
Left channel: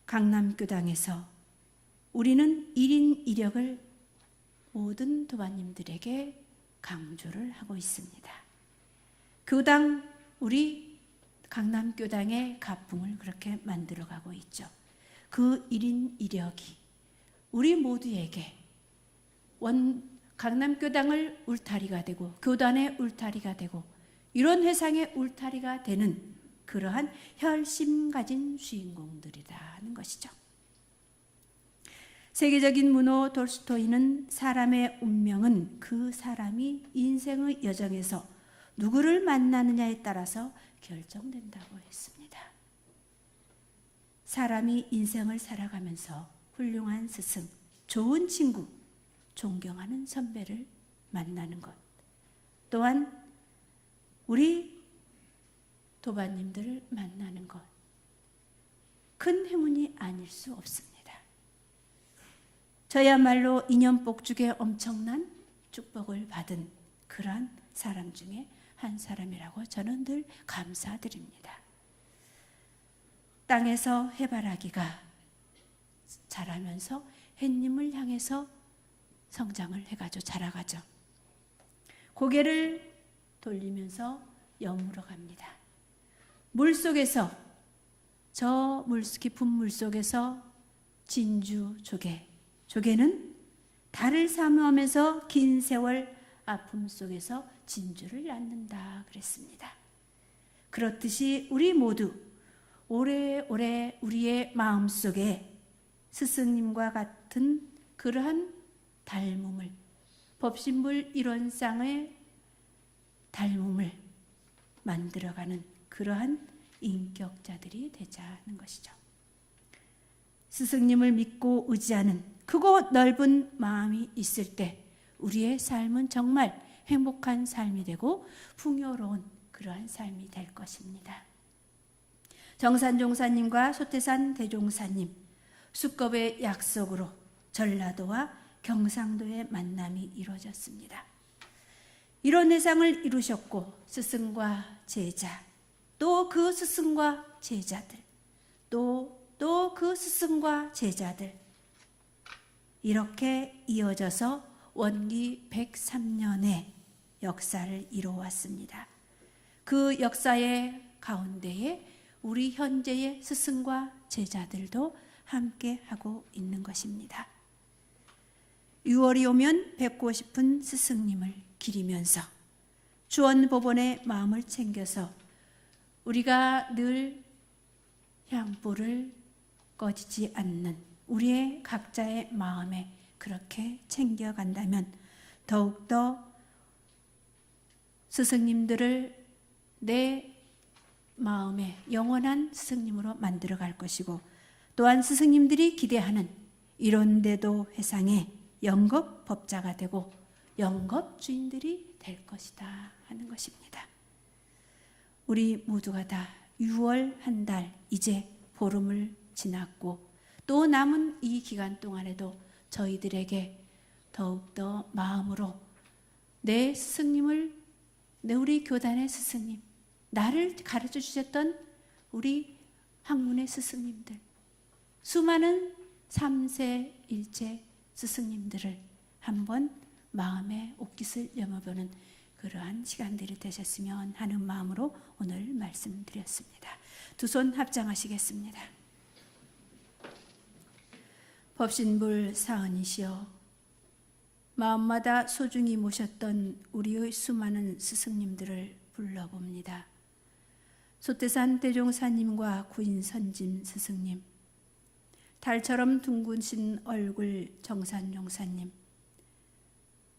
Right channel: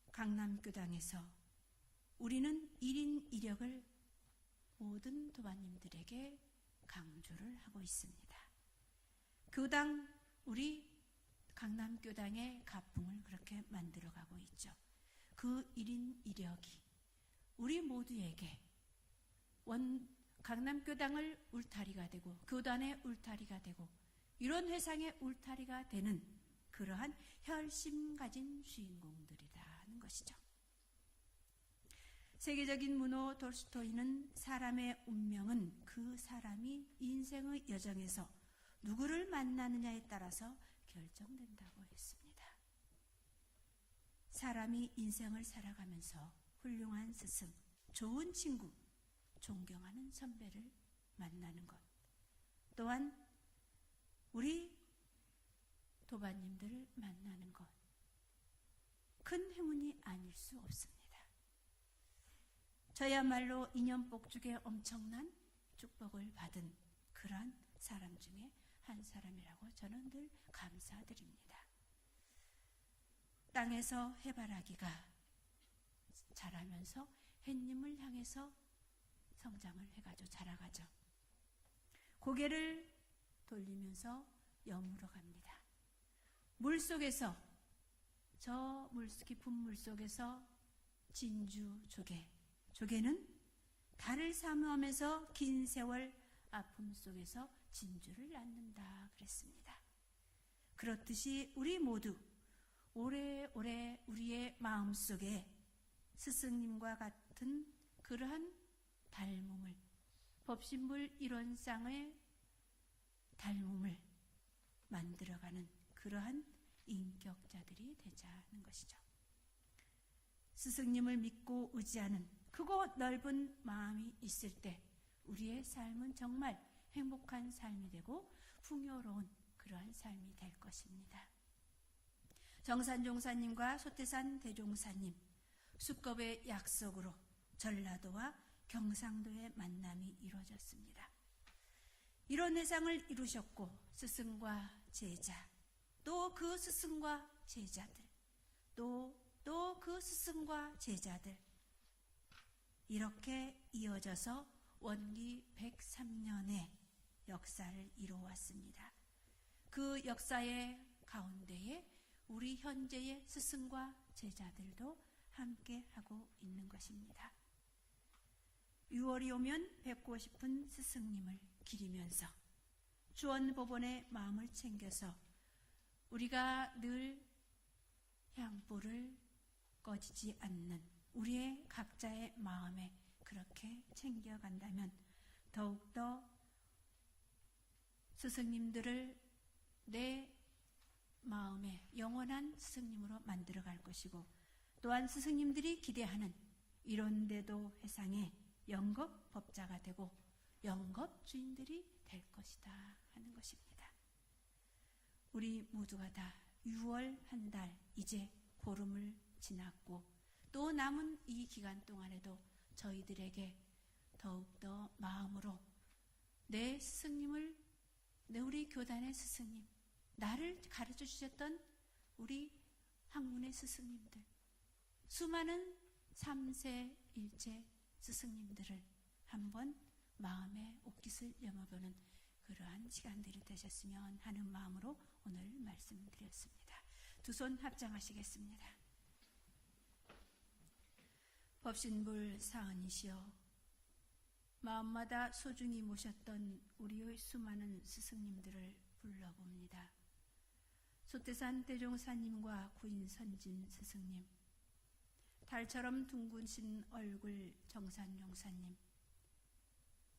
강남교당에서 우리는 1인 1역을 모든 도반님들에게 강조를 하고 있습니다. 교당, 우리 강남교당의 가풍을 그렇게 만들어가고 있죠. 그 1인 1역이 우리 모두에게 강남교당을 울타리가 되고 교단의 울타리가 되고 이런 회상의 울타리가 되는 그러한 혈심 가진 주인공들이라는 것이죠. 세계적인 문호 돌스토이는 사람의 운명은 그 사람이 인생의 여정에서 누구를 만나느냐에 따라서 결정된다고 했습니다. 사람이 인생을 살아가면서 훌륭한 스승, 좋은 친구, 존경하는 선배를 만나는 것, 또한 우리 도반님들을 만나는 것, 큰 행운이 아닐 수 없습니다. 저야말로 인연복죽에 엄청난 축복을 받은 그러한 사람 중에 한 사람이라고 저는 늘 감사드립니다. 땅에서 해바라기가 자라면서 햇님을 향해서 성장을 해가지고 자라가죠. 고개를 돌리면서 여물어 갑니다. 물속에서 저 깊은 물속에서 진주 조개는 달을 사모하면서 긴 세월 아픔 속에서 진주를 낳는다 그랬습니다. 그렇듯이 우리 모두 오래오래 우리의 마음속에 스승님과 같은 그러한 닮음을, 법신불 일원상의 닮음을 만들어가는 그러한 인격자들이 되자 하는 것이죠. 스승님을 믿고 의지하는 크고 넓은 마음이 있을 때 우리의 삶은 정말 행복한 삶이 되고 풍요로운 그러한 삶이 될 것입니다. 정산종사님과 소태산 대종사님, 수겁의 약속으로 전라도와 경상도의 만남이 이루어졌습니다. 이런 회상을 이루셨고 스승과 제자, 또 그 스승과 제자들, 또 그 스승과 제자들, 이렇게 이어져서 원기 103년의 역사를 이루어왔습니다. 그 역사의 가운데에 우리 현재의 스승과 제자들도 함께 하고 있는 것입니다. 6월이 오면 뵙고 싶은 스승님을 기리면서 주원법원의 마음을 챙겨서 우리가 늘 향불을 꺼지지 않는 우리의 각자의 마음에 그렇게 챙겨간다면 더욱더 스승님들을 내 마음에 영원한 스승님으로 만들어갈 것이고, 또한 스승님들이 기대하는 이런데도 회상의 영겁 법자가 되고 영겁 주인들이 될 것이다 하는 것입니다. 우리 모두가 다 6월 한 달 이제 보름을 지났고 또 남은 이 기간 동안에도 저희들에게 더욱더 마음으로 내 스승님을, 우리 교단의 스승님, 나를 가르쳐 주셨던 우리 학문의 스승님들, 수많은 3세 일체 스승님들을 한번 마음의 옷깃을 여며보는 그러한 시간들이 되셨으면 하는 마음으로 오늘 말씀드렸습니다. 두 손 합장하시겠습니다. 법신불 사언이시여, 마음마다 소중히 모셨던 우리의 수많은 스승님들을 불러봅니다. 소태산 대종사님과 구인선진 스승님, 달처럼 둥근신 얼굴 정산종사님,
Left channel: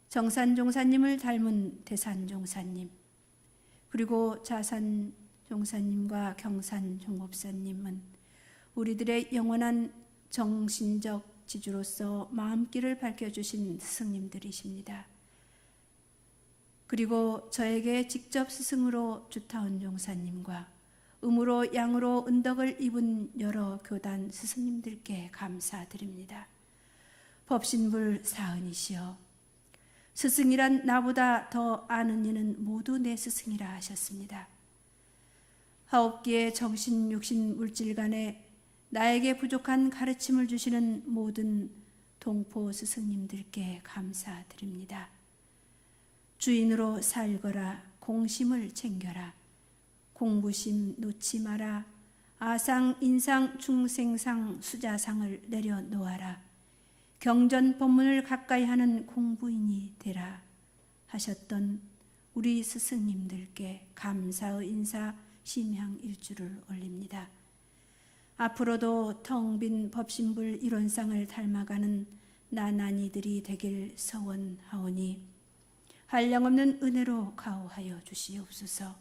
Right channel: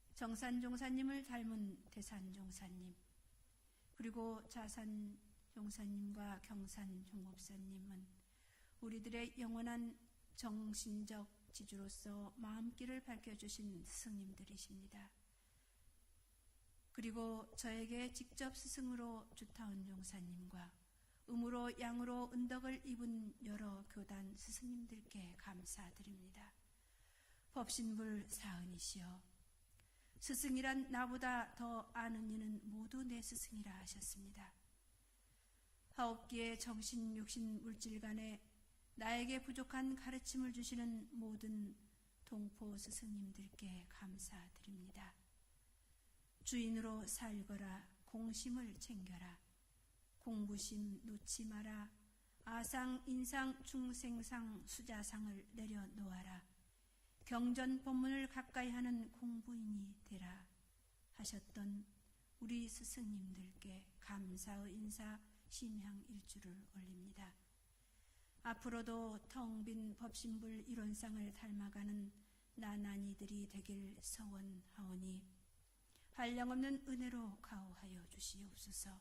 정산종사님을 닮은 대산종사님, 그리고 자산종사님과 경산종법사님은 우리들의 영원한 정신적 지주로서 마음길을 밝혀주신 스승님들이십니다. 그리고 저에게 직접 스승으로 주타운 종사님과 음으로 양으로 은덕을 입은 여러 교단 스승님들께 감사드립니다. 법신불 사은이시여, 스승이란 나보다 더 아는 이는 모두 내 스승이라 하셨습니다. 하옵기의 정신, 육신, 물질 간에 나에게 부족한 가르침을 주시는 모든 동포 스승님들께 감사드립니다. 주인으로 살거라. 공심을 챙겨라. 공부심 놓지 마라. 아상, 인상, 중생상, 수자상을 내려놓아라. 경전 법문을 가까이 하는 공부인이 되라 하셨던 우리 스승님들께 감사의 인사 심향 일주를 올립니다. 앞으로도 텅 빈 법신불 이론상을 닮아가는 나난이들이 되길 서원하오니 한량없는 은혜로 가호하여 주시옵소서.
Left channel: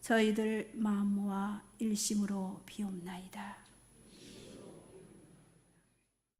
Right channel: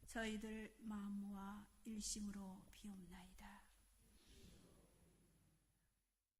저희들 마음 모아 일심으로 비옵나이다.